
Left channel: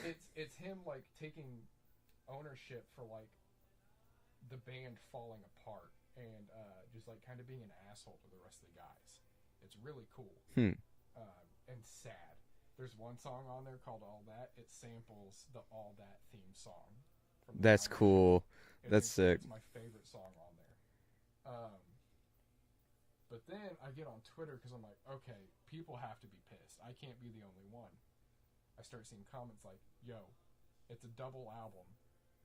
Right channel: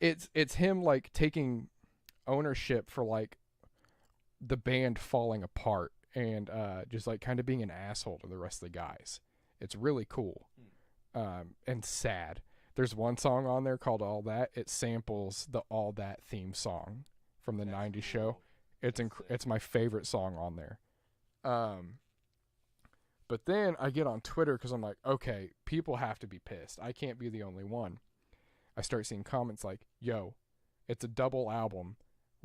it's him like taking ownership for like the band falling apart and just like kind of being an asshole to the rest of the guys. It's really cool. And sad. There's one song on there called All That. It samples the All That theme song from the That's 90s cool. show. That's sick. It's my favorite song on there. But then I get on Twitter because I'm like, okay, people have to be pissed. I can't be the only one. I start seeing comments like, yo, it's a double album.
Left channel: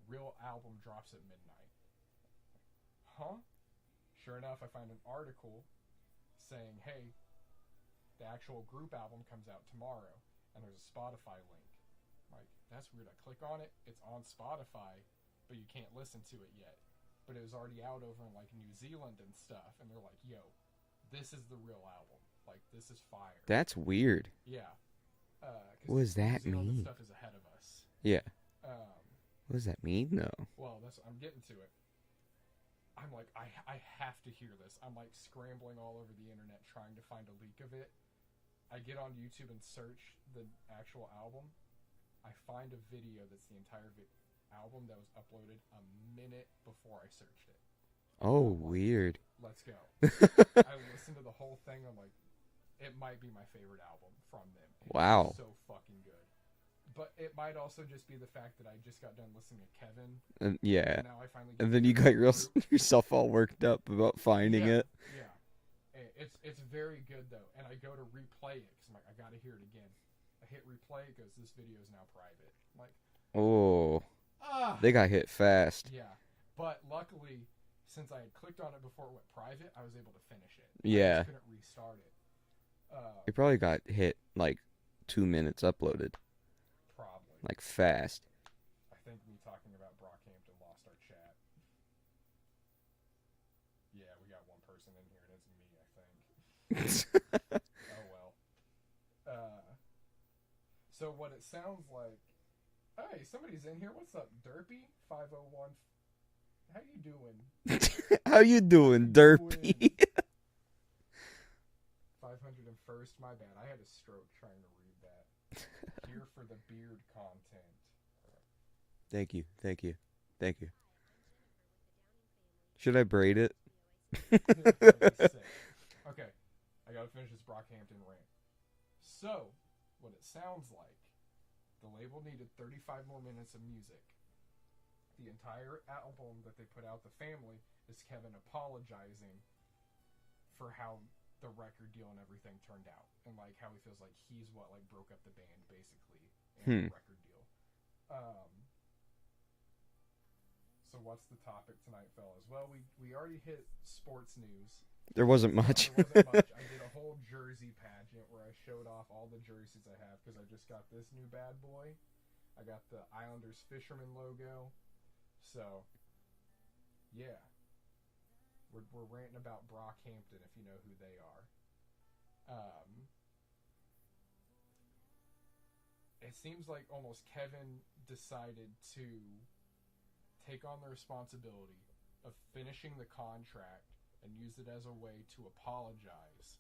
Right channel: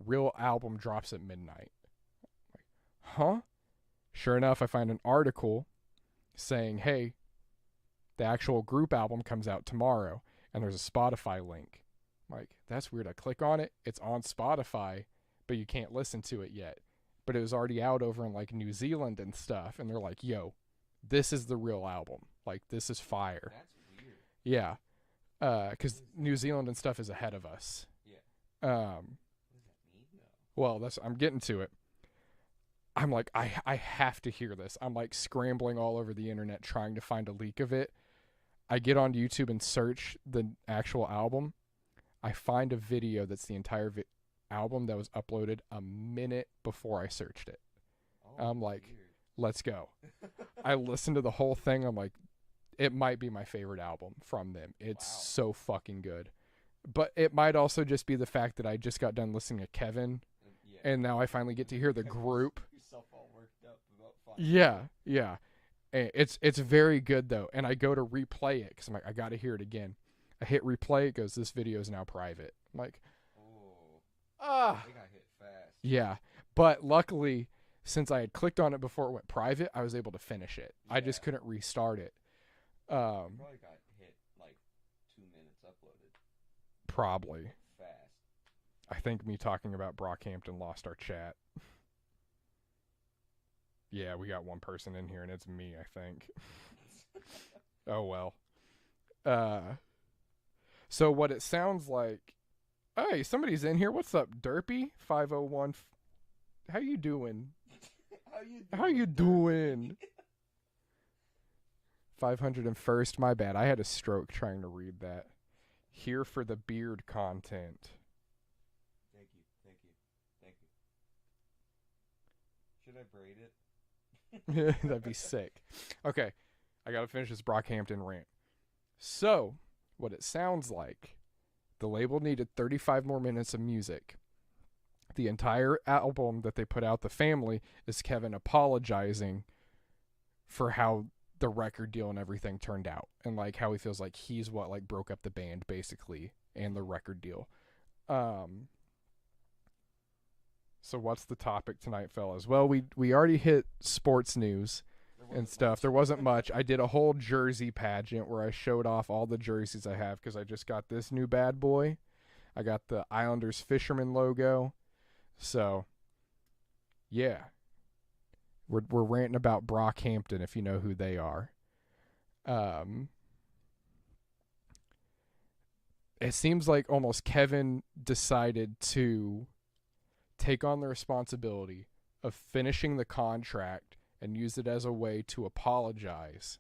Real album drops at midnight. Like, huh? Sure enough, I find an article saying, hey, the actual group album comes out tomorrow, and there's a Spotify link. I'm like, that's weird. I click on it. It's on Spotify, but you can't listen to it yet. But it was already out over in like New Zealand and stuff, and they're like, yo, this is the real album. Like, this is fire. That's weird. Yeah. Because What does that New Zealand and mean? stuff is ahead of us. Yeah. What What does that mean, though? Well, I'm getting to it. I'm like, I have to hear this. I'm like scrambling all over the internet trying to find a leak of it. I get on YouTube and search the actual album. I find a video that's the entire album that was uploaded a minute before I searched it. Oh, I'm like, weird. Let's go. I listened to the whole thing. I'm like, it might be my favorite album from them. It's Wow. so fucking good. But it might also just be the fact that I just got done listening to Kevin, Yeah. and now I finally get And to then hear you the got group. yourself all worked up about finding Yeah, it. yeah. And it's very good though, and I go to replay it because I'm like, I got to hear it again. I hit replay. It goes, this video is now private. I'm like, Oh, ah. they got hit fast. Yeah, but luckily, since I had clicked on it before it went private, I was able to finish it. I Yeah. just couldn't restart it. It probably got hit like 2 minutes uploaded, Probably. like fast. I think me talking about Brockhampton lost our chat. Yeah, we got one person in here, and it's me, I think. Oh, well. So what it sounds like... Hey, somebody's in here. What's up, Derpy? 501... How you doing? How you doing, you Derpy? doing? 501st. My bad. I had a stroke trying to read that. Here for the beard content. Thank you. Should I braid it? That'd be sick. Okay, I gotta finish this Brockhampton rant. So, what it sounds like, the label needed 35 more minutes of music. The entire album that they put out, The Family, is Kevin apologizing for how the record deal and everything turned out, and like how he feels like he's what like broke up the band basically and the record deal. So what's the topic tonight, fellas? Well, we already hit sports news. There wasn't much. There wasn't much. I did a whole jersey pageant where I showed off all the jerseys I have because I just got this new bad boy. I got the Islanders Fisherman logo. So, yeah. We're ranting about Brockhampton if you know who they are. It seems like almost Kevin decided to take on the responsibility of finishing the contract and use it as a way to apologize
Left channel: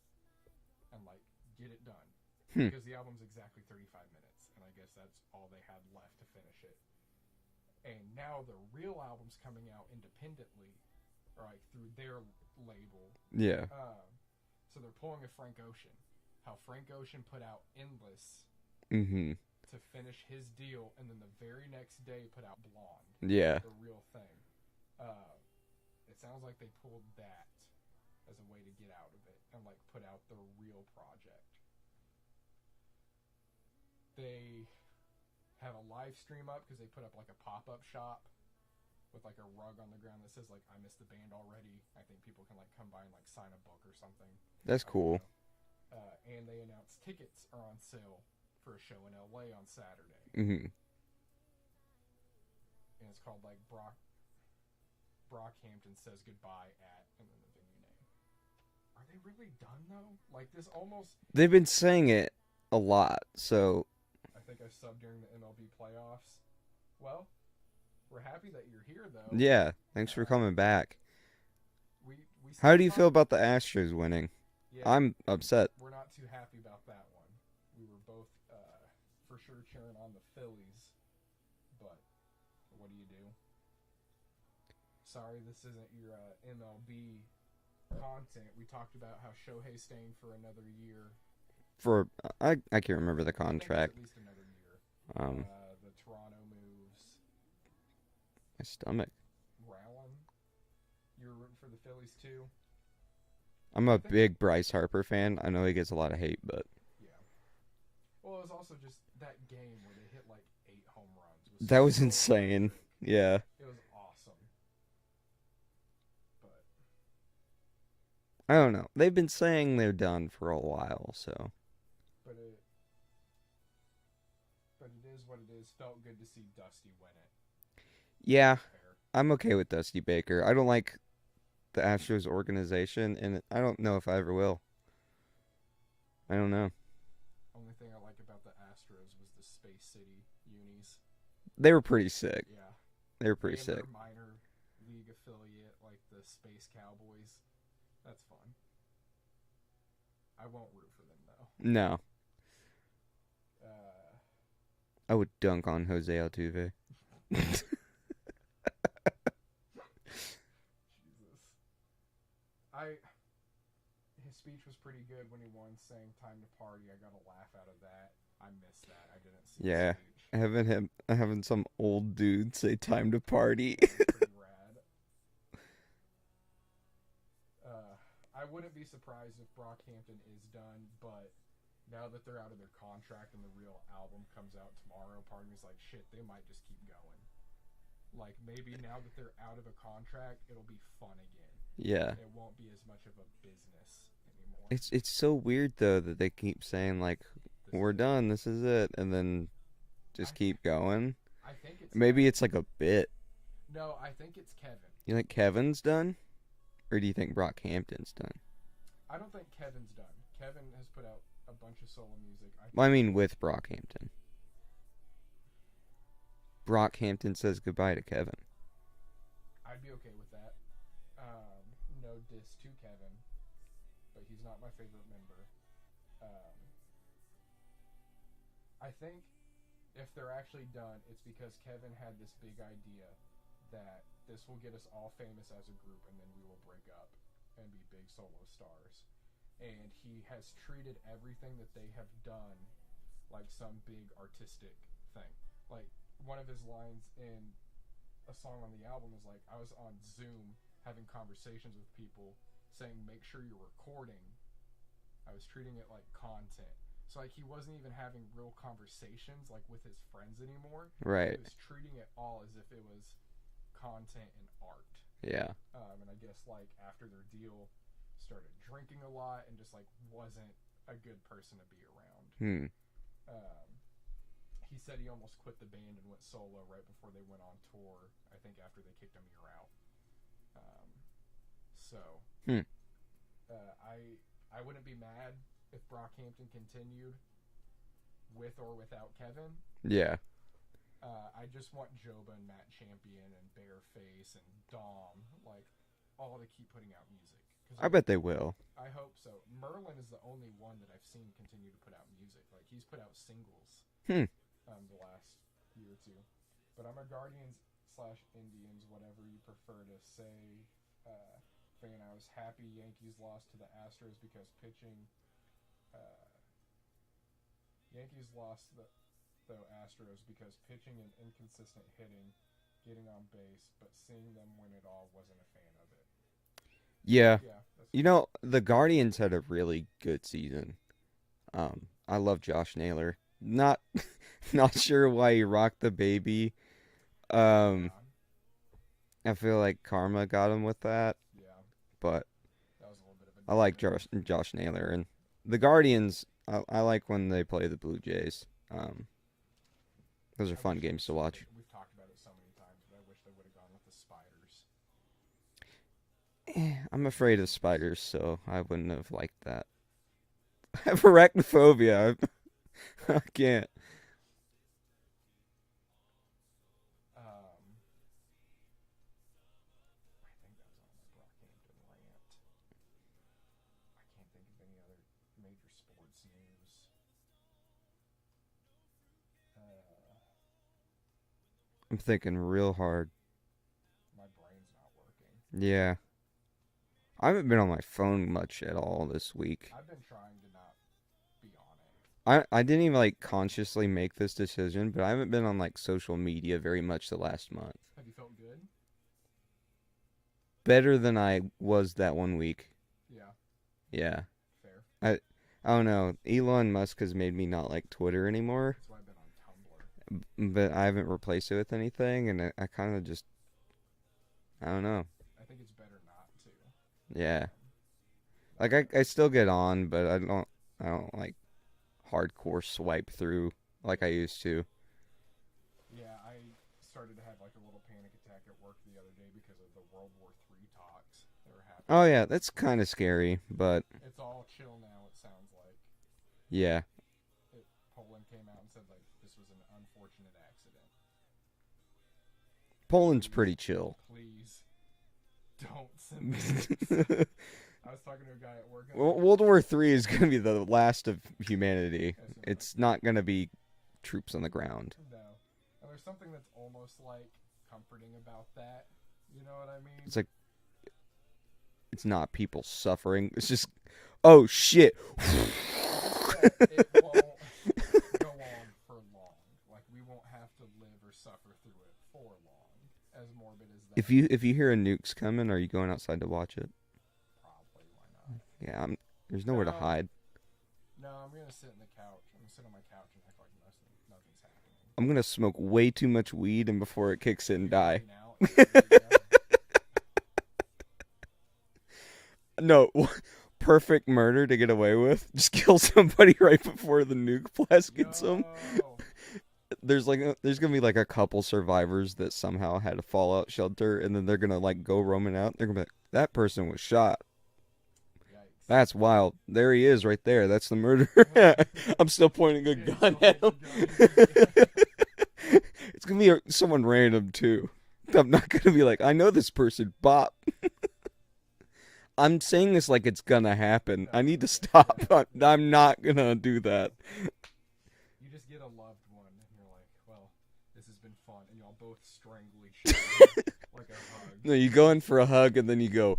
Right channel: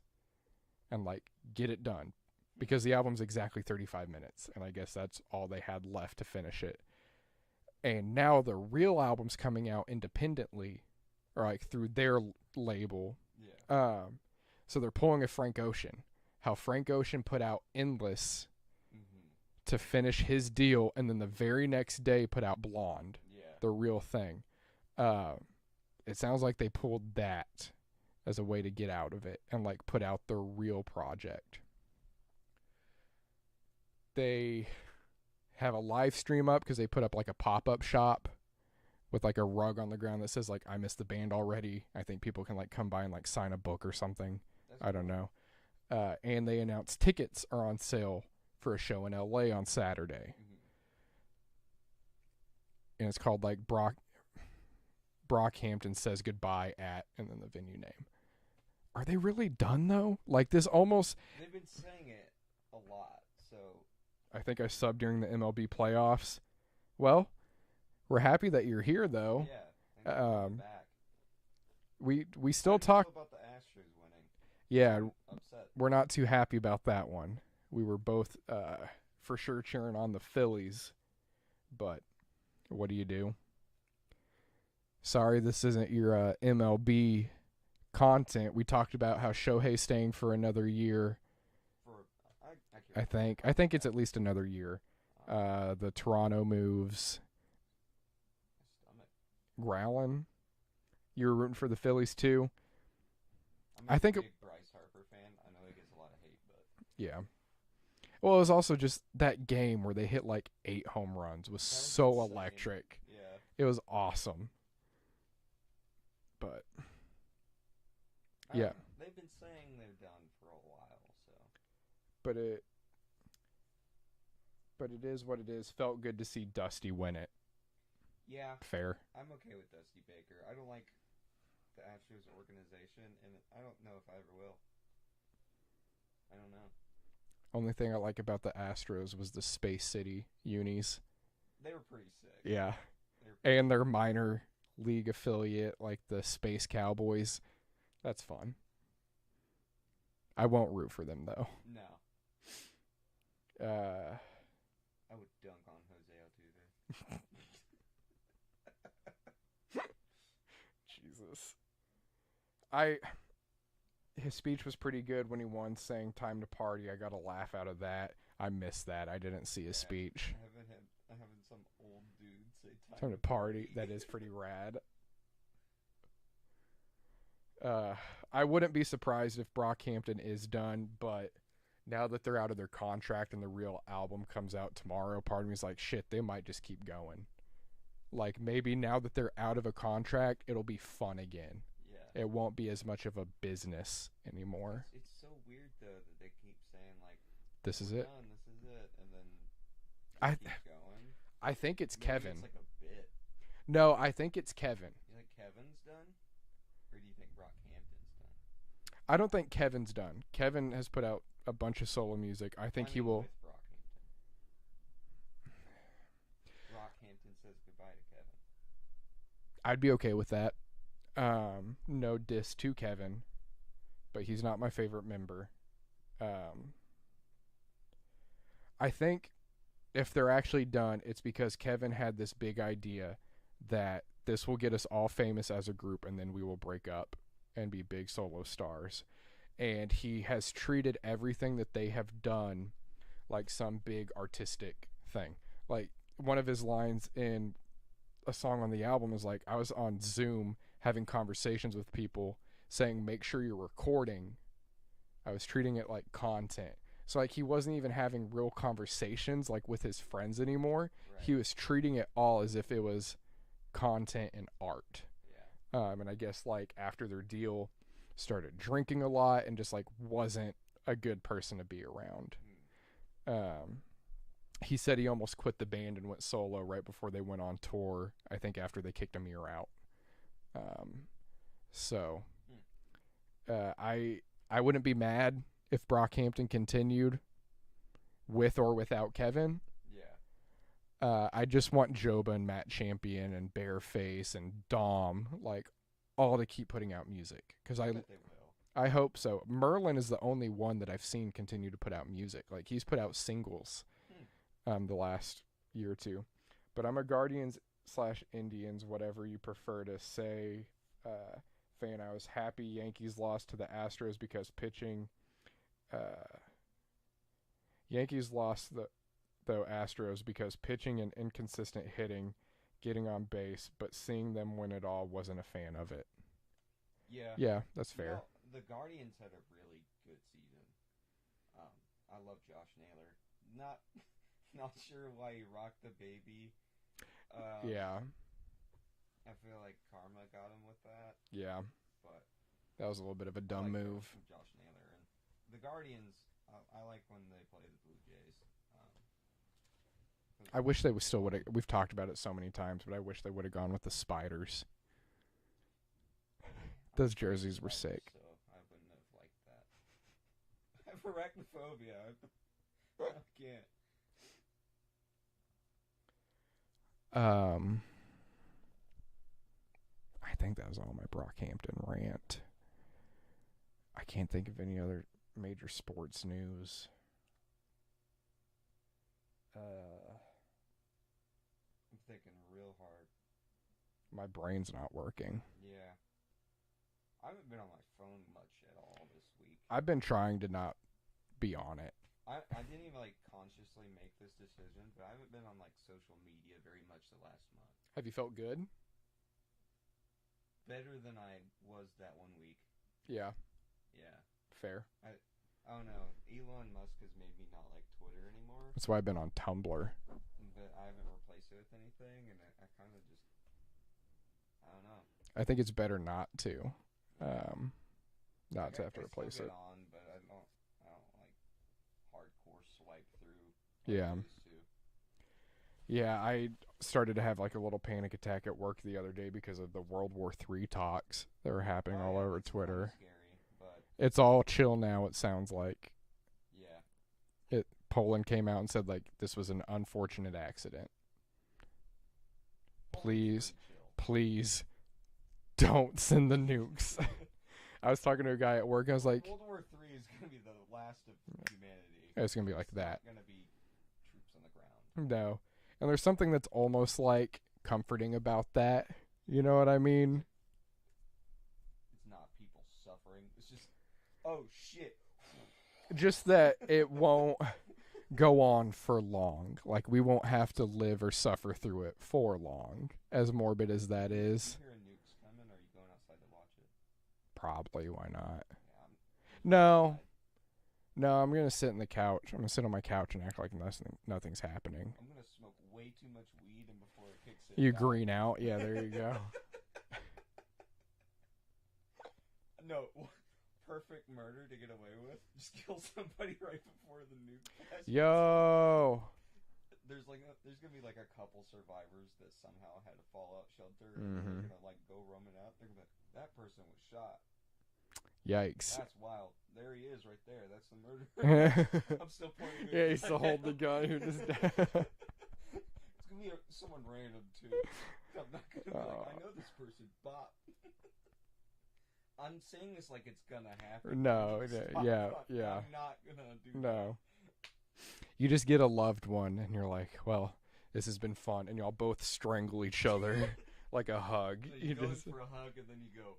and like get it done because the album's exactly 35 minutes and I guess that's all they had left to finish it. And now the real album's coming out independently or like through their label. Yeah. So they're pulling a Frank Ocean. How Frank Ocean put out Endless to finish his deal and then the very next day put out Blonde. Yeah. The real thing. It sounds like they pulled that as a way to get out of it and like put out the real project. They have a live stream up because they put up like a pop-up shop with like a rug on the ground that says like I miss the band already. I think people can like come by and like sign a book or something. That's cool. I don't know. And they announced tickets are on sale for a show in LA on Saturday. And it's called like Brockhampton Says Goodbye at, and then the venue name. Are they really done though? Like this almost. They've been saying it a lot, so. I think I subbed during the MLB playoffs. Well, we're happy that you're here though. Yeah, thanks for coming back. We still. How do you feel about the Astros winning? Yeah, I'm upset. We're not too happy about that one. We were both for sure cheering on the Phillies, but what do you do? Sorry, this isn't your MLB content. We talked about how Shohei's staying for another year. I can't remember the contract. I think it's at least another year. The Toronto moves. My stomach. Growling. You were rooting for the Phillies too? I'm a big Bryce Harper fan. I know he gets a lot of hate, but... Yeah. Well, it was also just that game where they hit like 8 home runs. That was so insane. Electric. Yeah. It was awesome. But... I don't know. They've been saying they're done for a while, so... But it is what it is. Felt good to see Dusty win it. Yeah. Fair. I'm okay with Dusty Baker. I don't like the Astros organization, and I don't know if I ever will. I don't know. Only thing I like about the Astros was the Space City unis. They were pretty sick. Yeah. They were pretty sick. And their minor league affiliate, like the Space Cowboys. That's fun. I won't root for them, though. No. I would dunk on Jose Altuve. Jesus. His speech was pretty good when he won, saying "time to party." I got a laugh out of that. I missed that. I didn't see his speech. Having some old dude say "time to party." That is pretty rad. I wouldn't be surprised if Brockhampton is done, but now that they're out of their contract and the real album comes out tomorrow, part of me is like, shit, they might just keep going. Like, maybe now that they're out of a contract, it'll be fun again. Yeah. It won't be as much of a business anymore. It's so weird, though, that they keep saying, like, we're done, this is it, and then just keep going. I think it's Maybe Kevin. It's like a bit. No, I think it's Kevin. You think Kevin's done? Or do you think Brockhampton's done? I don't think Kevin's done. Kevin has put out a bunch of solo music. With Brockhampton. Brockhampton says goodbye to Kevin. I'd be okay with that. No diss to Kevin, but he's not my favorite member. I think if they're actually done, it's because Kevin had this big idea that this will get us all famous as a group and then we will break up and be big solo stars. And he has treated everything that they have done like some big artistic thing. Like one of his lines in a song on the album is like, I was on Zoom having conversations with people saying, make sure you're recording. I was treating it like content. So like he wasn't even having real conversations like with his friends anymore. Right. He was treating it all as if it was content and art. Yeah. And I guess like after their deal, started drinking a lot and just like wasn't a good person to be around. He said he almost quit the band and went solo right before they went on tour. I think after they kicked Amir out. I wouldn't be mad if Brockhampton continued with or without Kevin. Yeah. I just want Joba and Matt Champion and Bareface and Dom, like, all to keep putting out music. Cause I bet they will. I hope so. Merlin is the only one that I've seen continue to put out music. Like, he's put out singles the last year or two. But I'm a Guardians/Indians, whatever you prefer to say, fan. I was happy Yankees lost to the Astros because pitching... Yankees lost the Astros because pitching and inconsistent hitting, getting on base, but seeing them win it all, wasn't a fan of it. Yeah. Yeah, that's fair. You know, the Guardians had a really good season. I love Josh Naylor. Not sure why he rocked the baby. Yeah. I feel like karma got him with that. Yeah. But that was a little bit of a I like move. Josh Naylor. And the Guardians, I like when they play the Blue Jays. Those are fun games to watch. We've talked about it so many times, but I wish they would have gone with the Spiders. I'm Those afraid of jerseys were spiders, sick. so I wouldn't have liked that. I have arachnophobia. I can't. I think that was all my Brockhampton rant. I can't think of any other major sports news. I'm thinking real hard. My brain's not working. Yeah. I haven't been on my phone much at all this week. I've been trying to not be on it. I didn't even like consciously make this decision, but I haven't been on like social media very much the last month. Have you felt good? Better than I was that one week. Yeah, Yeah. fair. I don't know. Elon Musk has made me not like Twitter anymore, That's why I've been on Tumblr. but I haven't replaced it with anything, and I kind of just, I don't know. I think it's better not to. Yeah. Not Like to I still replace get it. on, but I don't like hardcore swipe through like I Yeah. used to. Yeah, I started to have like a little panic attack at work the other day because of the World War III talks that were happening. Oh all yeah, over that's kind Twitter. of scary, but It's all chill now, it sounds like. yeah. Poland came out and said like this was an unfortunate accident. Poland's Please. pretty chill. Please don't send the nukes. I was talking to a guy at work. I was Well, like, World War III is going to be the last of humanity. it's gonna be It's like not going to be troops on the ground. that. No. And there's something that's almost like comforting about that. You know what I mean? It's like it's not people suffering. It's just, oh shit. just that it won't go on for long. Like we won't have to live or suffer through it for long. As morbid as that If you hear a nuke's coming, are you going outside to watch it? probably, why not? Yeah, there's nowhere No. to hide. No, I'm gonna sit in the couch. I'm gonna sit on my couch and act like nothing's happening. I'm gonna smoke way too much weed, and before it kicks in, You die. green out. Yeah, there you go. No, perfect murder to get away with. Just kill somebody right before the nuke blast gets them. Yo. There's gonna be like a couple survivors that somehow had a fallout shelter, and then they're gonna like go roaming out. They're gonna be like, that person was shot. Yikes. That's wild. There he is, right there. That's the murderer. I'm still pointing a Yeah, he's gun still at holding him. the gun. It's gonna be someone random too. I'm not gonna be like, I know this person, Bop. I'm saying this like it's gonna happen. I No, need to okay, stop. yeah. I'm not gonna do that. No. You just get a loved one, and you're like, well, this has been fun, and y'all both strangle each other like a hug. No, you go in for a hug and then you go.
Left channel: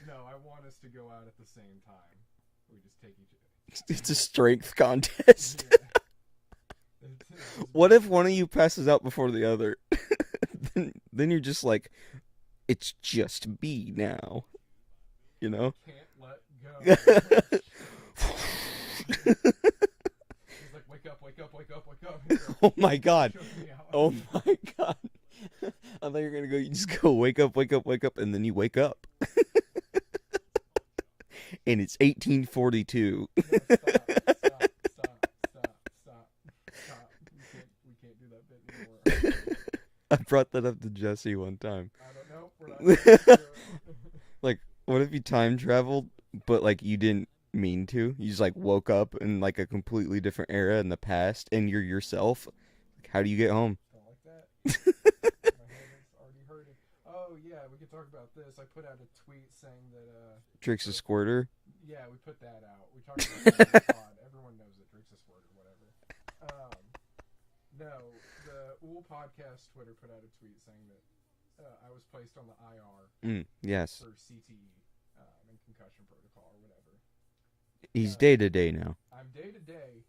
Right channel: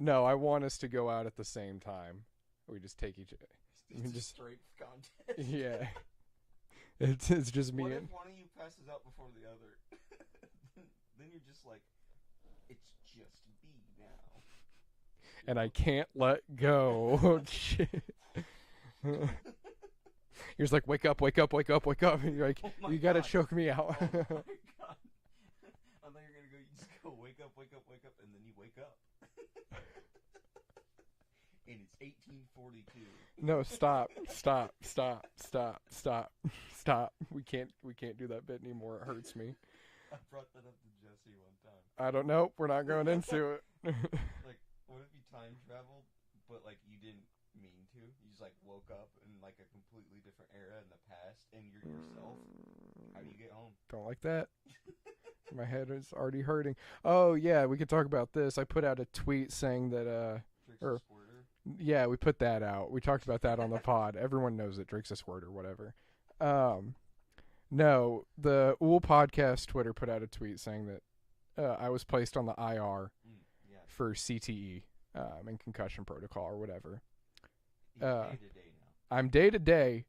No, I want us to go out at the same time. We just take each. It's a strength contest. Yeah. It's just. What if one of you passes out before the other? then you're just like, it's just me now. You and know? I can't let go. You're just like, wake up, wake up, wake up, wake up. And you're like, Oh my you gotta God. choke me out. Oh my God. I thought you were going to go, you just go, wake up, wake up, wake up, and then you wake up. And it's 1842. No, stop. We can't do that bit anymore. It hurts me. I brought that up to Jesse one time. I don't know. We're not going into it. Like, what if you time traveled, but like you didn't mean to? You just like woke up in like a completely different era in the past, and you're yourself. Like, how do you get home? Don't like that. My head is already hurting. Oh yeah, we could talk about this. I put out a tweet saying that Drake's a or- squirter. yeah, we put that out. We talked about that on the pod. Everyone knows that Drake's a squirt or whatever. No, the Ool Podcast Twitter put out a tweet saying that I was placed on the IR Yes. for CTE and concussion protocol or whatever. He's day to day now. I'm day to day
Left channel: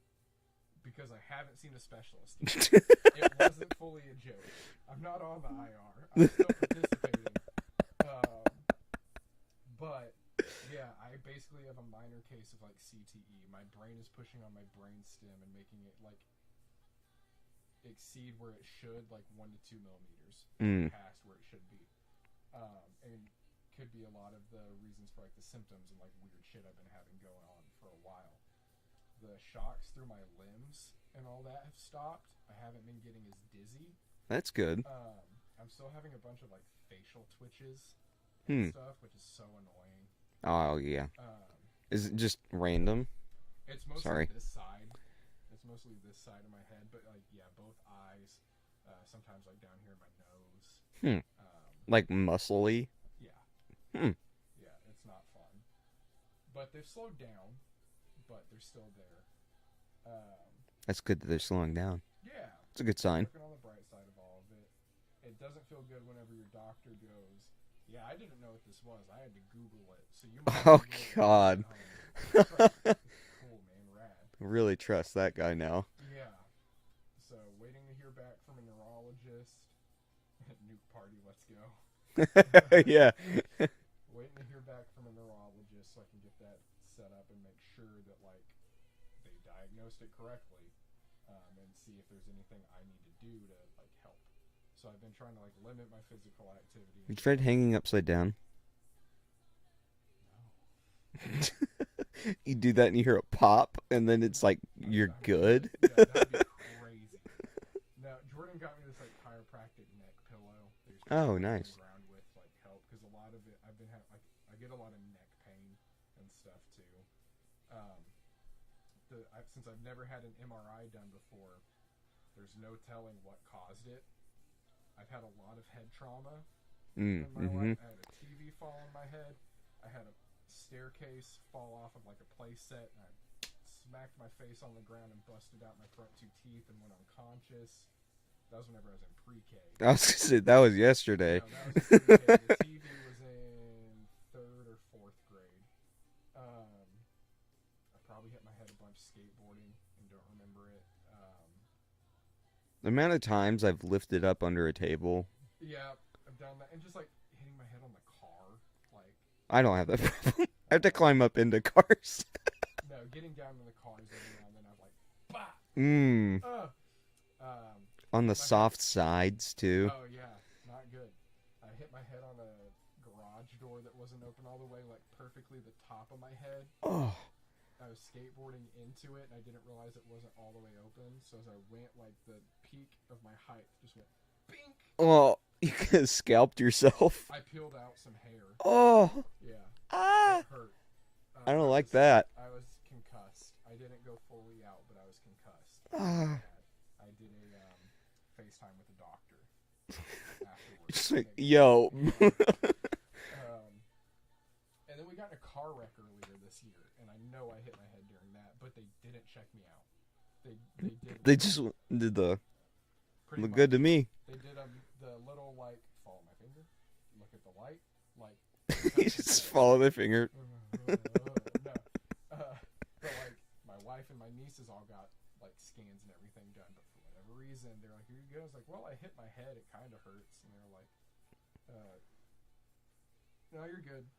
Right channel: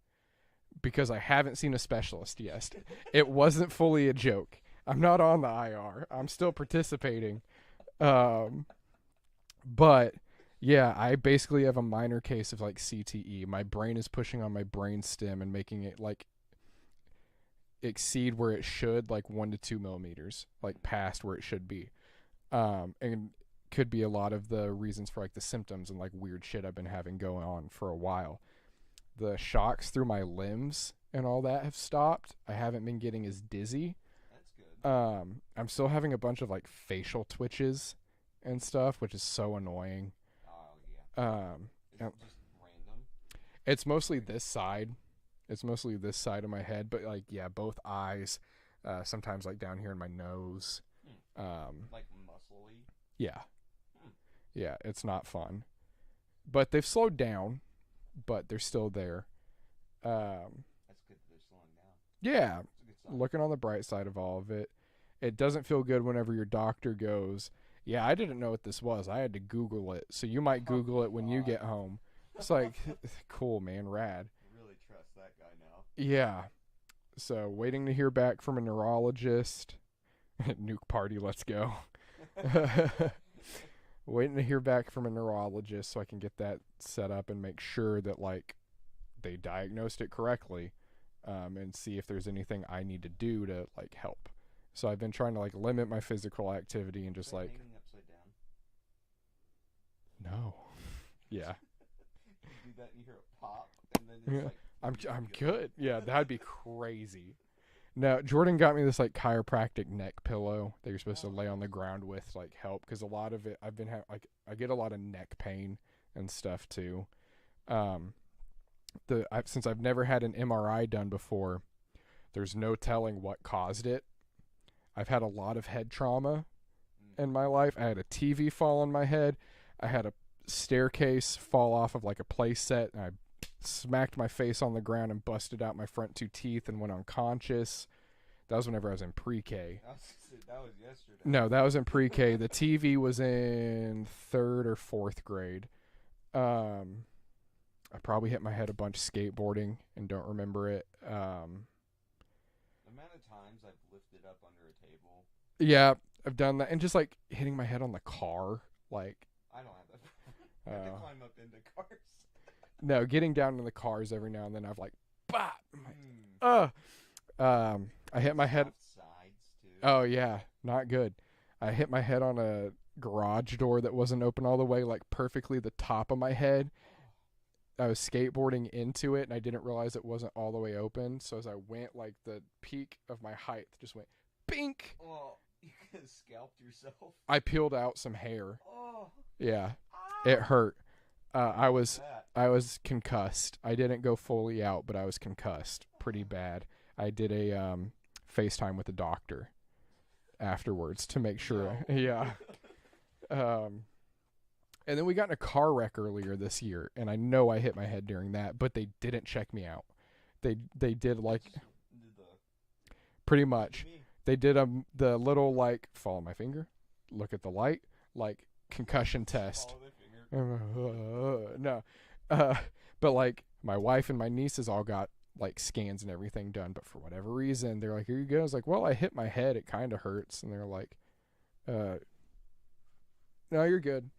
because I haven't seen a specialist yet. It wasn't fully a joke. I'm not on the IR. I'm still participating. But yeah, I basically have a minor case of like CTE. My brain is pushing on my brain stem and making it like exceed where it should, like 1 to 2 millimeters, like past where it should be. And could be a lot of the reasons for like the symptoms and like weird shit I've been having going on for a while. The shocks through my limbs and all that have stopped. I haven't been getting as dizzy. That's good. I'm still having a bunch of like facial twitches and stuff, which is so annoying. Oh yeah. Is it just random? It's mostly Sorry. this side. It's mostly this side of my head, but like yeah, both eyes. Sometimes like down here in my nose. Like muscly? Yeah. Hmm. Yeah, it's not fun. But they've slowed down, but they're still there. That's good that they're slowing down. Yeah. It's a good sign. Looking on the bright side of all of it. It doesn't feel good whenever your doctor goes, yeah, I didn't know what this was. I had to Google it. So you might Google it when you get home. It's like, cool, man, rad. Really trust that guy now. Yeah. So waiting to hear back from a neurologist. Nuke party, let's go. Yeah. Waiting to hear back from a neurologist so I can get that set up and make sure that like they diagnosed it correctly, and see if there's anything I need to do to like help. So I've been trying to like limit my physical activity and You just tried like hanging upside down? no. Yeah. You do that and you hear a pop, and then it's Yeah. like, I'm you're I'm good. Yeah, that'd be crazy. No, Jordan got me this like chiropractic neck pillow that you're supposed to Oh, lay on the nice. ground with like help, because a lot of it I've been like I get a lot of neck pain and stuff too. Since I've never had an MRI done before, there's no telling what caused it. I've had a lot of head trauma in my life. I had a TV fall on my head. I had a staircase fall off of like a play set, and I smacked my face on the ground and busted out my front 2 teeth and went unconscious. That was whenever I was in pre-K. I was gonna say, that was yesterday. No, that was in pre-K. The TV was in 3rd or 4th grade. I probably hit my head a bunch skateboarding and don't remember it. The amount of times I've lifted up under a table, Yeah, I've done that. And just like hitting my head on the car. Like, I don't have that problem. I have to uh, climb up into cars. no, getting down in the cars every now and then I've like, bah! I On hit the my soft sides, too. head. Oh, yeah, not good. I hit my head on a garage door that wasn't open all the way, like perfectly the top of my head. Oh. I was skateboarding into it, and I didn't realize it wasn't all the way open. So as I went, like the peak of my height just went bink. Well, you could have scalped yourself. I peeled out some hair. Oh. Yeah, Ah. it hurt. I don't like that. I was concussed. I didn't go fully out, but I was concussed pretty Ah. bad. I did a FaceTime with the doctor afterwards to make sure. Yo. Yeah. And then we got in a car wreck earlier this year, and I know I hit my head during that, but they didn't check me out. They did like They just did the pretty look much good to me. They did the little like follow my finger, look at the light, like concussion Just test. follow their finger. No, but like my wife and my nieces all got like scans and everything done, but for whatever reason they're like, "Here you go." I was like, "Well, I hit my head. It kind of hurts," and they're like, "No, you're good."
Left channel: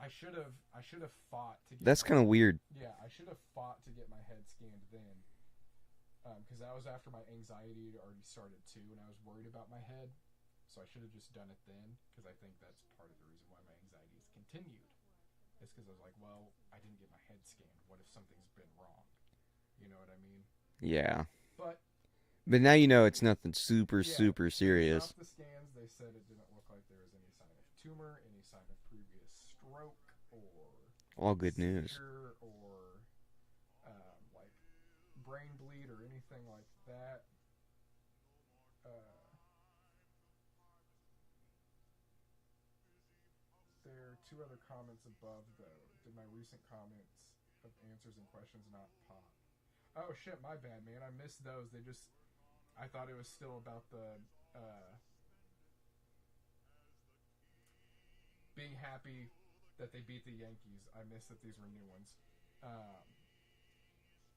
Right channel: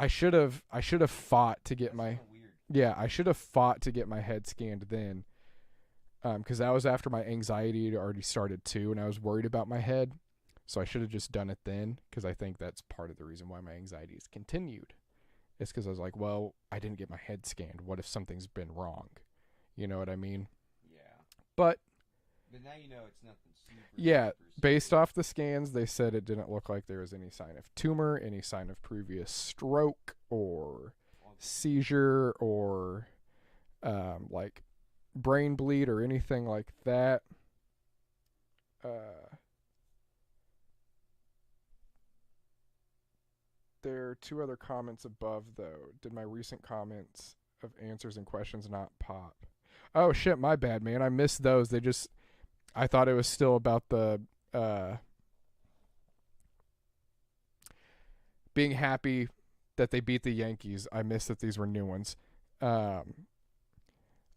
I should have fought to get. That's kind of weird. Yeah, I should have fought to get my head scanned then, because that was after my anxiety had already started too, and I was worried about my head. So I should have just done it then, because I think that's part of the reason why my anxiety has continued. It's because I was like, well, I didn't get my head scanned. What if something's been wrong? You know what I mean? Yeah. But now you know it's nothing super serious. based off the scans, they said it didn't look like there was any sign of tumor, any sign of previous stroke or all good seizure or like brain bleed or anything like that. There are 2 other comments above, though. Did my recent comments of answers and questions not pop? Oh, shit, my bad, man. I missed those. I thought it was still about the being happy that they beat the Yankees. I missed that these were new ones. I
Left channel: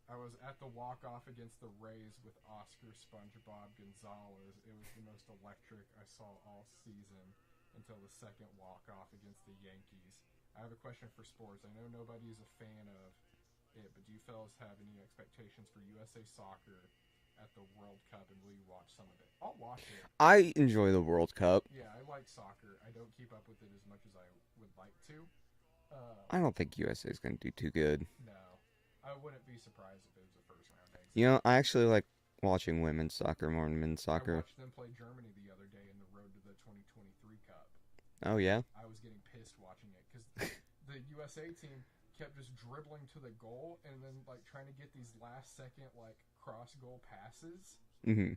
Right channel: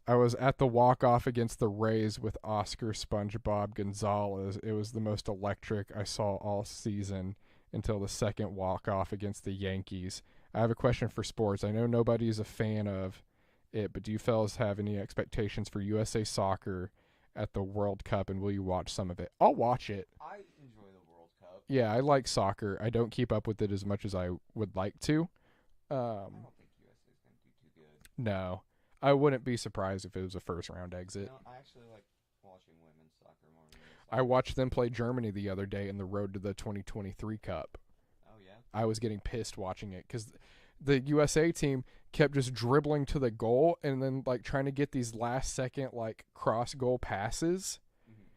was at the walk-off against the Rays with Oscar SpongeBob Gonzalez. It was the most electric I saw all season until the second walk-off against the Yankees. I have a question for sports. I know nobody's a fan of it, but do you fellas have any expectations for USA Soccer at the World Cup, and will you watch some of it? I'll watch it. I enjoy the World Cup. Yeah, I like soccer. I don't keep up with it as much as I would like to. I don't think USA is going to do too good. No. I wouldn't be surprised if it was a first-round exit. You know, I actually like watching women's soccer more than men's soccer. I watched them play Germany the other day in the road to the 2023 Cup. Oh, yeah? I was getting pissed watching it because the USA team kept just dribbling to the goal and then like trying to get these last-second like cross-goal passes. Mm-hmm.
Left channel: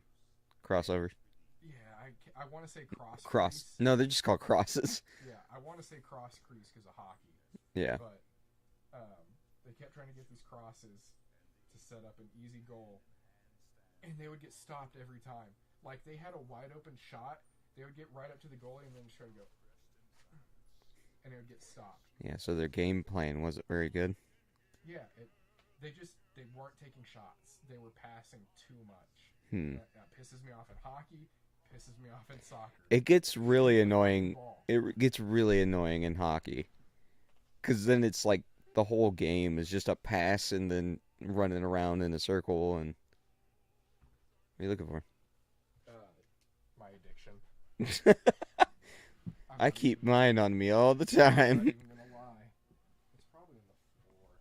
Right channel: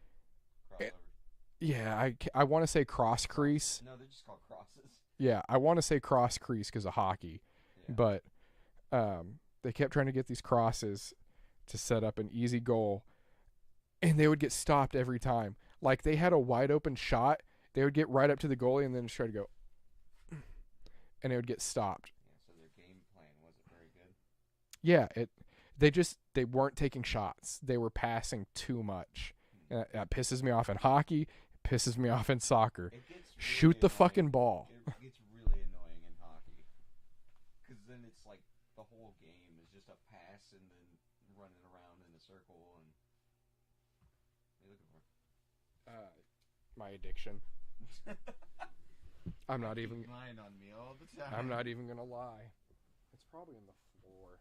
Crossovers. Yeah, I want to say cross crease. No, they're just called crosses. Yeah, I want to say cross crease because of hockey. Yeah. But they kept trying to get these crosses to set up an easy goal, and they would get stopped every time. Like, they had a wide open shot, they would get right up to the goalie and then just try to go, and it would get stopped. Yeah, so their game plan wasn't very good. Yeah, they weren't taking shots. They were passing too much. That pisses me off in hockey. Pisses me off in soccer. It gets really Shoot the annoying. fucking ball. It gets really annoying in hockey, because then it's like the whole game is just a pass and then running around in a circle. And what are you looking for? My addiction. I keep mine on me all the time. I'm not even gonna lie. It's probably in the floor.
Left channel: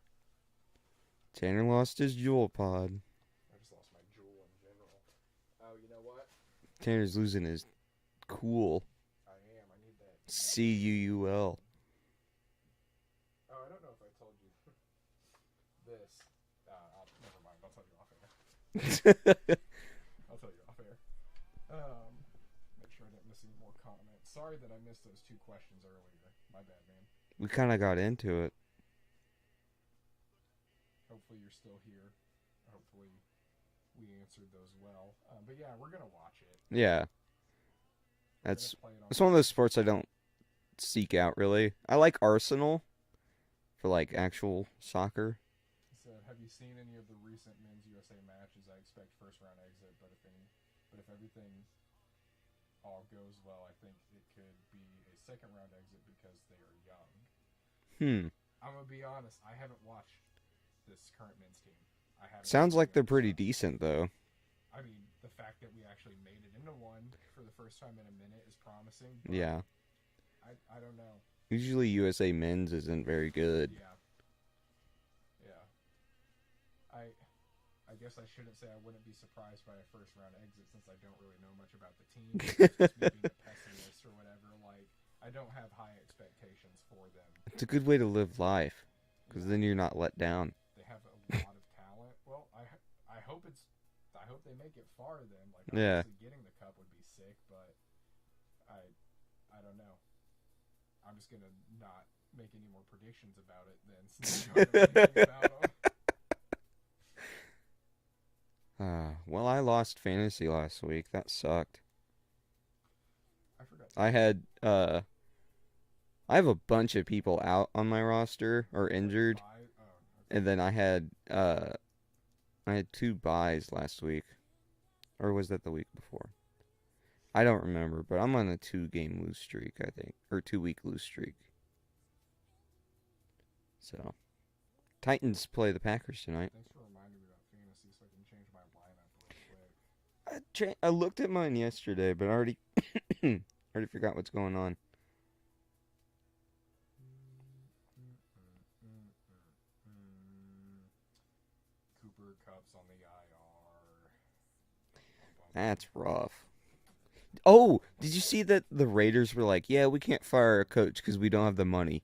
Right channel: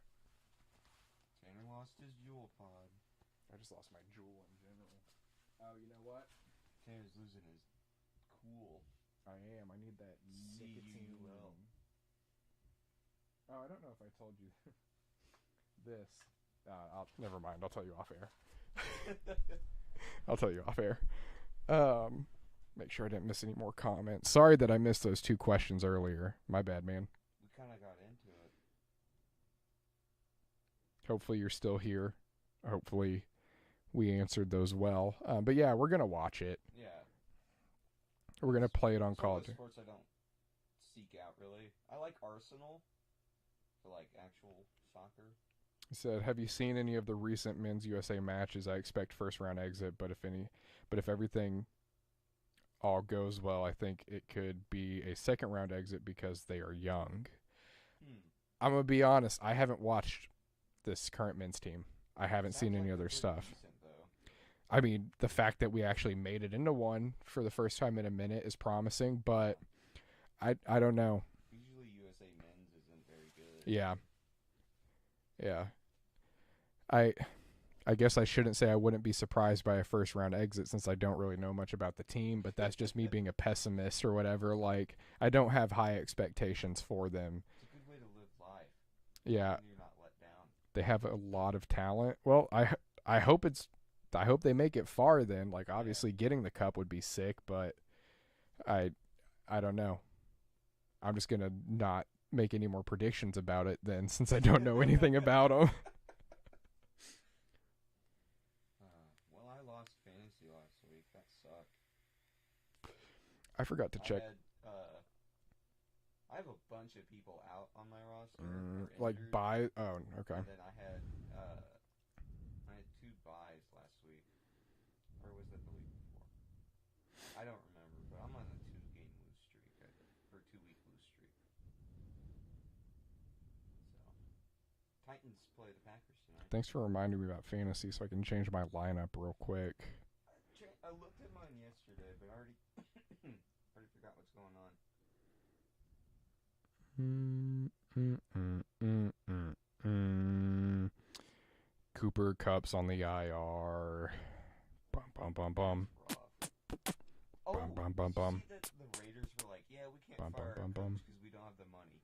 Tanner lost his jewel pod. I just lost my jewel in general. Oh, you know what? Tanner's losing his cool. I am. I need that. CUUL. Oh, I don't know if I told you this. Never mind. I'll tell you off air. I'll tell you off air. Make sure I didn't miss any more comments. Sorry that I missed those 2 questions earlier. My bad, man. We kind of got into it. Hopefully you're still here. Hopefully we answered those well. But yeah, we're gonna watch it. Yeah. We're gonna play it on. It's one of those sports I don't seek out really. I like Arsenal for like actual soccer. He said, "Have you seen any of the recent men's USA matches? I expect first round exit, but if everything all goes well, I think it could be a second round exit because they are young." I'm gonna be honest. I haven't watched this current men's team. I haven't. Sounds seen like any they're other pretty stuff. decent though. I mean, the fact that we actually made it into one for the first time in a minute is promising, but yeah. I don't know. Usually USA men's isn't very good. Yeah. Yeah. I guess I shouldn't say I wouldn't be surprised by a first round exit since I don't really know much about the team, but that's just me being a pessimist or whatever. Like, I don't have high expectations for them. It's a good way to live life. Yeah. Then you're not let down. They have a lot of talent. Well, I hope it's I hope they make it far then. Like, Yeah. obviously getting the cup would be sick, but I don't know. I'm just going to not make any more predictions about it then, since I don't know anything about them. Well, I lost fantasy last week. That sucked. I forgot to I check. had I have a bunch of people out on my roster or injured, Like oh, okay. and then I had 2 buys last week, or was that the week before? I don't remember, but I'm on a 2-game lose streak, I think, or 2-week lose streak. So, Titans play the Packers tonight. Thanks for reminding me about fantasy so I can change my lineup real quick. I looked at mine yesterday, but I already already forgot what's going on. Cooper Kupp's on the IR. That's rough. Oh, Bum, bum, did you bum. see that the Raiders were like, yeah, we can't Bum, fire a bum, bum, coach because we don't have the money.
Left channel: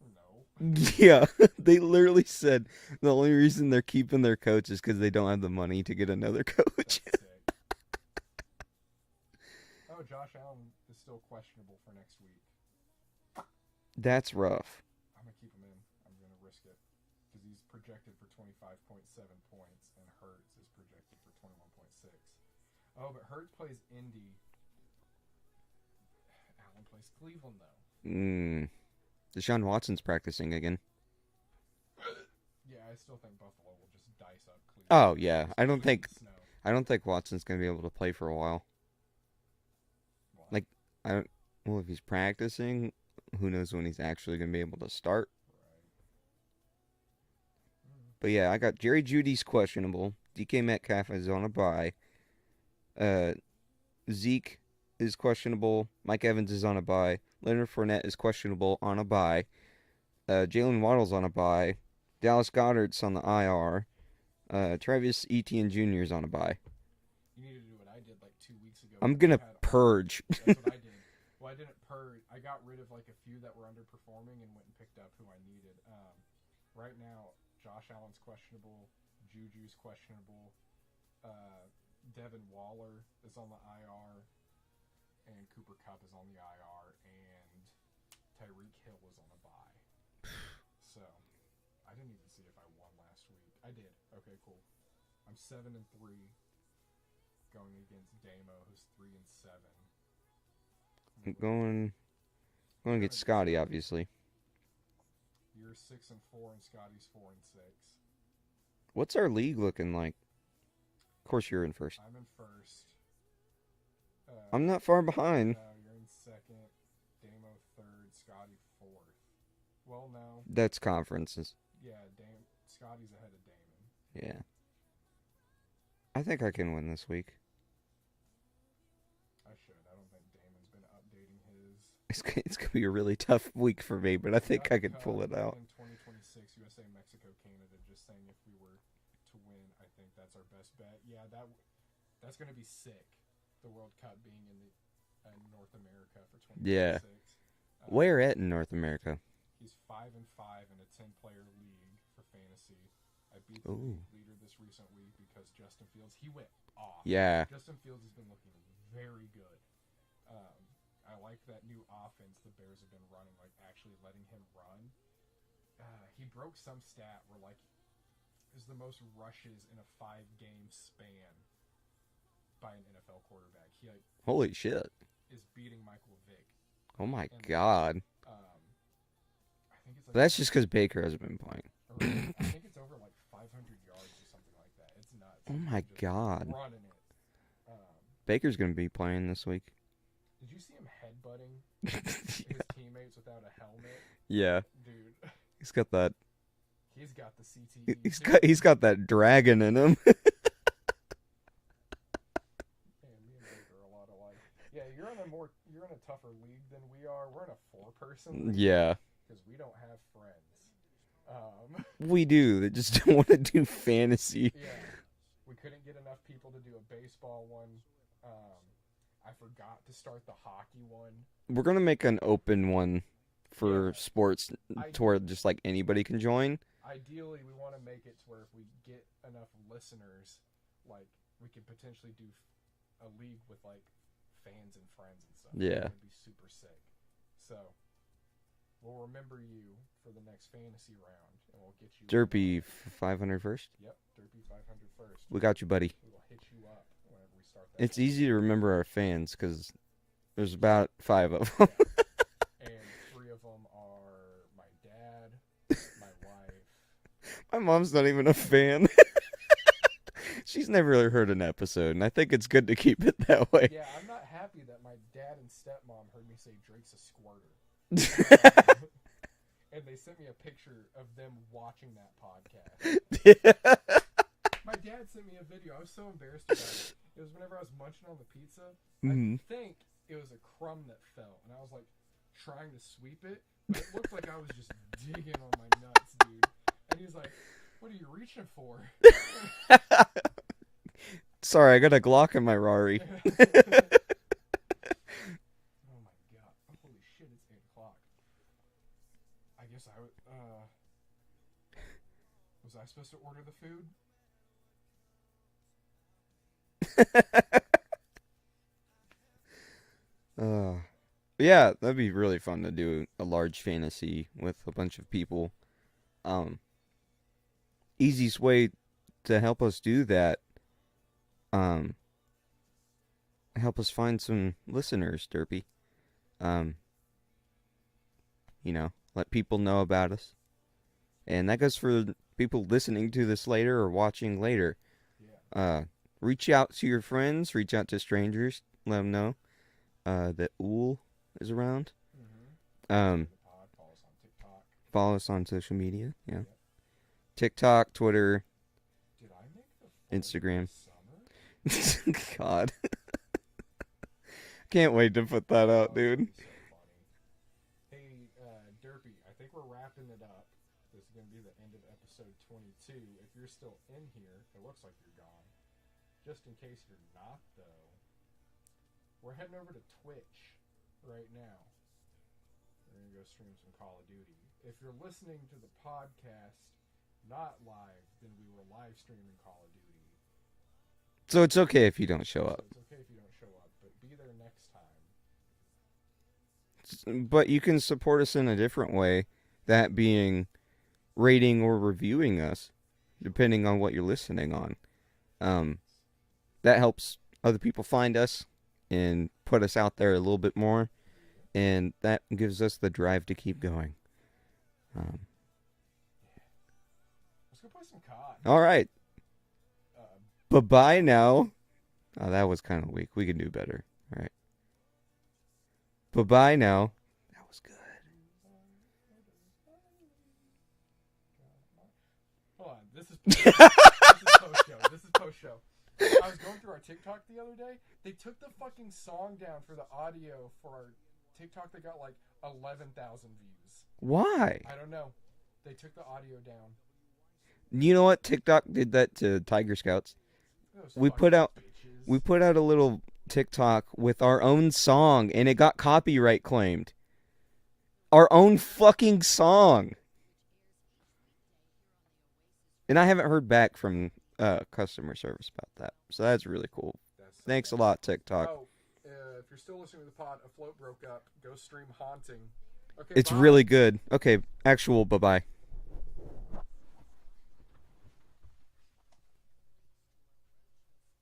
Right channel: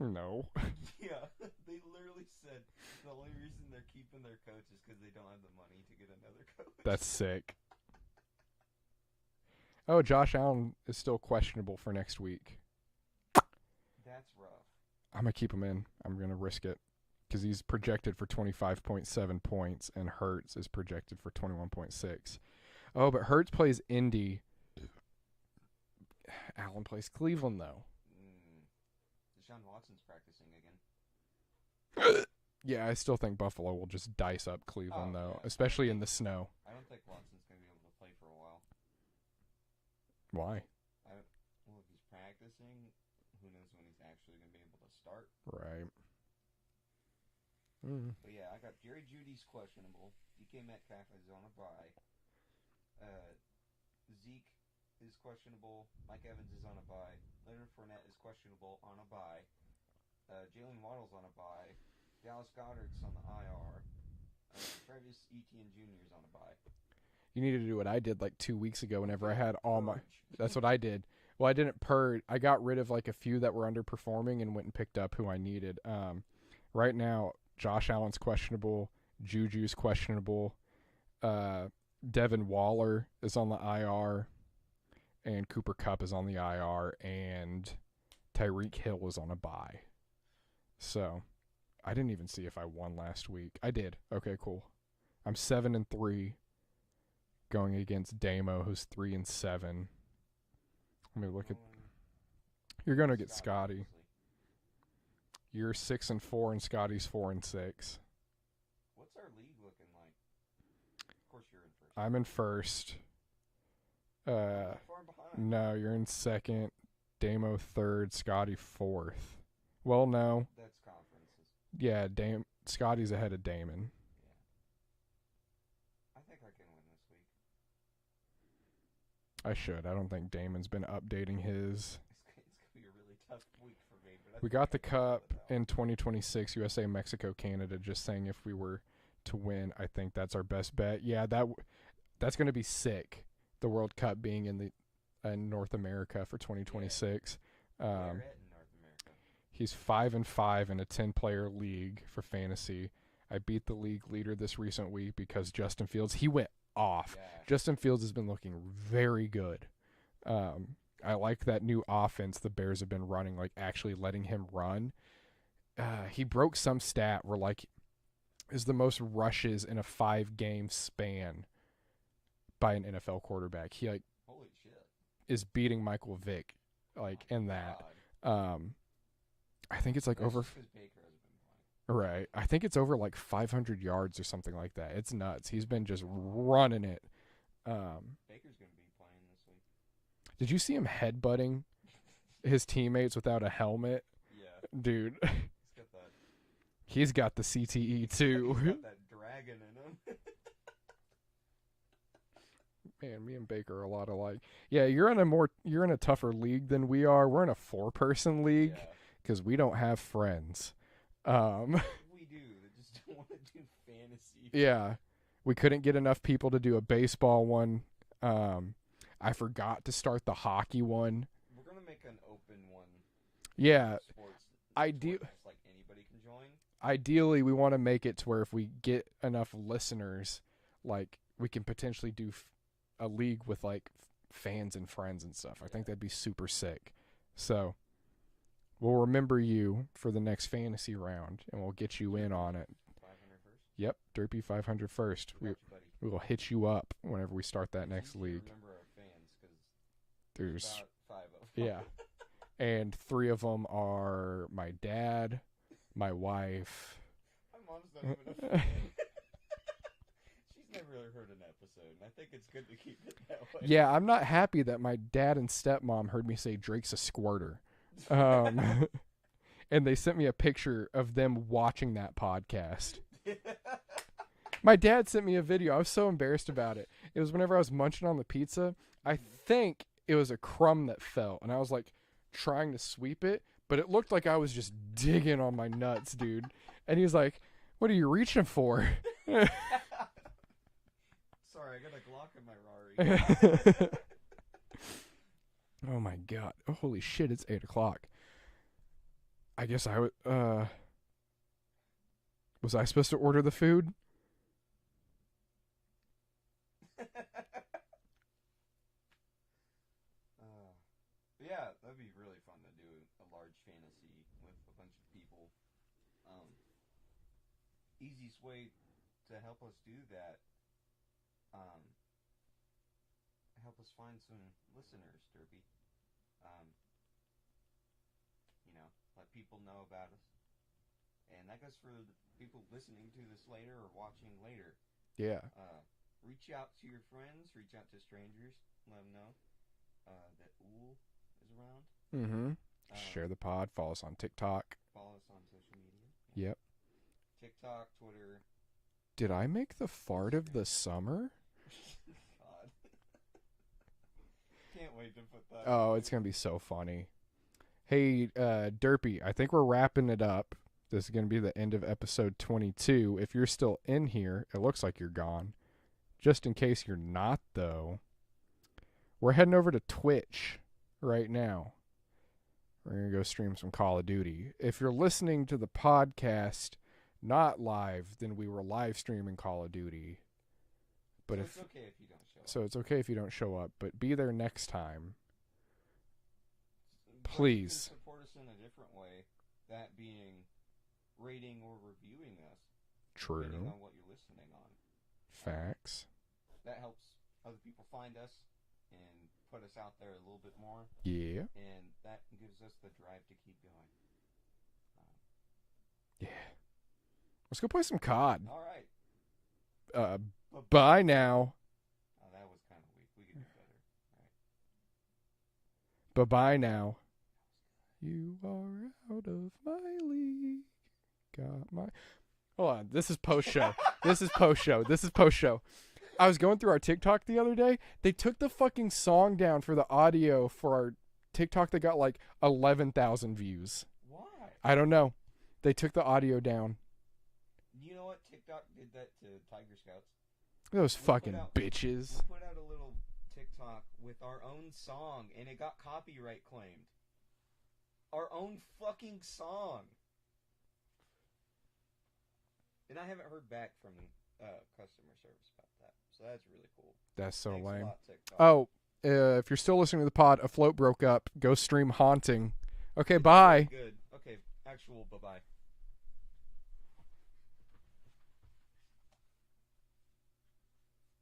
No. Yeah, they literally said the only reason they're keeping their coach is because they don't have the money to get another coach. That's sick. Oh, Josh Allen is still questionable for next week. That's rough. I'm going to keep him in. I'm going to risk it. Because he's projected for 25.7 points, and Hurts is projected for 21.6. Oh, but Hurts plays Indy. Allen plays Cleveland, though. Deshaun Watson's practicing again. Yeah, I still think Buffalo will just dice up Cleveland. Oh, though, yeah. especially I don't in think the snow. I don't think Watson's gonna be able to play for a while. Why? Like, well, if he's practicing, who knows when he's actually gonna be able to start? Right. But yeah, I got Jerry Judy's questionable. DK Metcalf is on a bye. Zeke is questionable. Mike Evans is on a bye. Leonard Fournette is questionable on a bye. Jalen Waddle's on a bye. Dallas Goedert's on the IR. Travis Etienne Jr. is on a bye. You need to do what I did like 2 weeks ago. I'm whenever gonna I had all purge. That's what I did. Well, I didn't purge. I got rid of like a few that were underperforming and went and picked up who I needed. Right now, Josh Allen's questionable. Juju's questionable. Devin Waller is on the IR. And Cooper Kupp is on the IR. And Tyreek Hill is on a bye. So, I didn't even see if I won last week. I did. Okay, cool. I'm 7-3 going against Damo, who's 3-7. I'm going You're gonna get get Scotty, Scotty. obviously. You're 6-4, and Scotty's 4-6. What's our league looking like? Of course, you're in first. I'm in first. I'm not far behind. No, you're in second. Damo third. Scotty fourth. Well, no. That's conferences. Yeah, Scotty's ahead of Damon. Yeah. I think I can win this week. I should. I don't think Damon's been updating his. It's gonna be a really tough week for me, but I We think got I the can pull Cup it out. in 2026, USA, Mexico, Canada. Just saying, if we were to win, I think that's our best bet. Yeah, that's going to be sick. The World Cup being in North America for 2026. Where at in North America? He's 5-5 in a 10-player league for fantasy. I beat the league leader this recent week because Justin Fields, he went off. Yeah. Justin Fields has been looking very good. I like that new offense the Bears have been running, like actually letting him run. He broke some stat where like is the most rushes in a 5-game span by an NFL quarterback. He like Holy shit. is beating Michael Vick. Oh like, my in that. god. I think it's like That's over, just because Baker hasn't been playing. right. I think it's over like 500 yards or something like that. It's nuts. Oh He's my been just God. running it. Baker's gonna be playing this week. Did you see him headbutting his teammates without a helmet? Yeah. Dude, He's got that. he's got the CTE He's too. he's got that dragon in him. Man, me and Baker are a lot alike. Yeah, you're in a tougher league than we are. We're in a 4-person league. Yeah. Because we don't have friends. We do. They just don't want to do fantasy. Yeah. We couldn't get enough people to do a baseball one. I forgot to start the hockey one. We're gonna make an open one for Yeah, sports to where just like anybody can join. Ideally, we want to make it to where if we get enough listeners, like we can potentially do a league with like fans and friends and stuff. I Yeah. think that'd be super sick. So we'll remember you for the next fantasy round, and we'll get you in on Derpy it. 500 first. Yep, Derpy 500 first. We got you, buddy. We will hit you up whenever we start that. It's next easy to league. remember our fans because there's There's- about 5 of them. Yeah. And 3 of them are my dad, my wife. My mom's not even a fan. She's never heard an episode, and I think it's good to keep it that way. Yeah, I'm not happy that my dad and stepmom heard me say Drake's a squirter. And they sent me a picture of them watching that podcast. My dad sent me a video. I was so embarrassed about it. It was whenever I was munching on the pizza. Mhm. I think it was a crumb that fell, and I was like trying to sweep it, but it looked like I was just digging on my nuts, dude. And he was like, "What are you reaching for?" Sorry, I got a Glock in my Rari. Oh my god. Oh, holy shit, it's 8:00. I guess I would was I supposed to order the food? Yeah, that'd be really fun to do a large fantasy with a bunch of people. Easiest way to help us do that, help us find some listeners, Derpy. Let people know about us. And that goes for people listening to this later or watching later. Yeah. Reach out to your friends, reach out to strangers, let them know that Ool is around. Mm-hmm. Share the pod. Follow us on TikTok. Follow us on social media. Yeah. Yep. TikTok, Twitter. Did I make the fart Instagram. of the summer? God. Can't wait to put that Oh, out, it's dude. gonna be so funny. Hey, Derpy, I think we're wrapping it up. This is gonna be the end of episode 22. If you're still in here, it looks like you're gone. Just in case you're not, though, we're heading over to Twitch right now. We're gonna go stream some Call of Duty. If you're listening to the podcast not live, then we were live streaming Call of Duty. So it's okay if you don't show So up. it's okay if you don't show up, but be there next time. But you can please. support us in a different way, that being rating or reviewing us, depending on what you're listening on. Thanks. That helps other people find us and put us out there a little bit more, Yeah. and that gives us the drive to keep going. Yeah. Let's go play some COD. All right. Bye-bye Bye now. now. Oh, that was kind of weak. We can do better. All right. Bye-bye now. That was good. You are out of my league. Got my. Hold on. This is post show. This is post show. I was going through our TikTok the other day. They took the fucking song down for the audio for our TikTok that got like 11,000 views. Why? I don't know. They took the audio down. You know what? TikTok did that to Tiger Scouts. Those We fucking put out- bitches. We put out a little TikTok with our own song, and it got copyright claimed. Our own fucking song. And I haven't heard back from customer service about that. So that's really cool. That's so Thanks a lame. lot, TikTok. Oh, if you're still listening to the pod, A Float broke up. Go stream Haunting. Okay, it's bye. really good. Okay, actual bye-bye.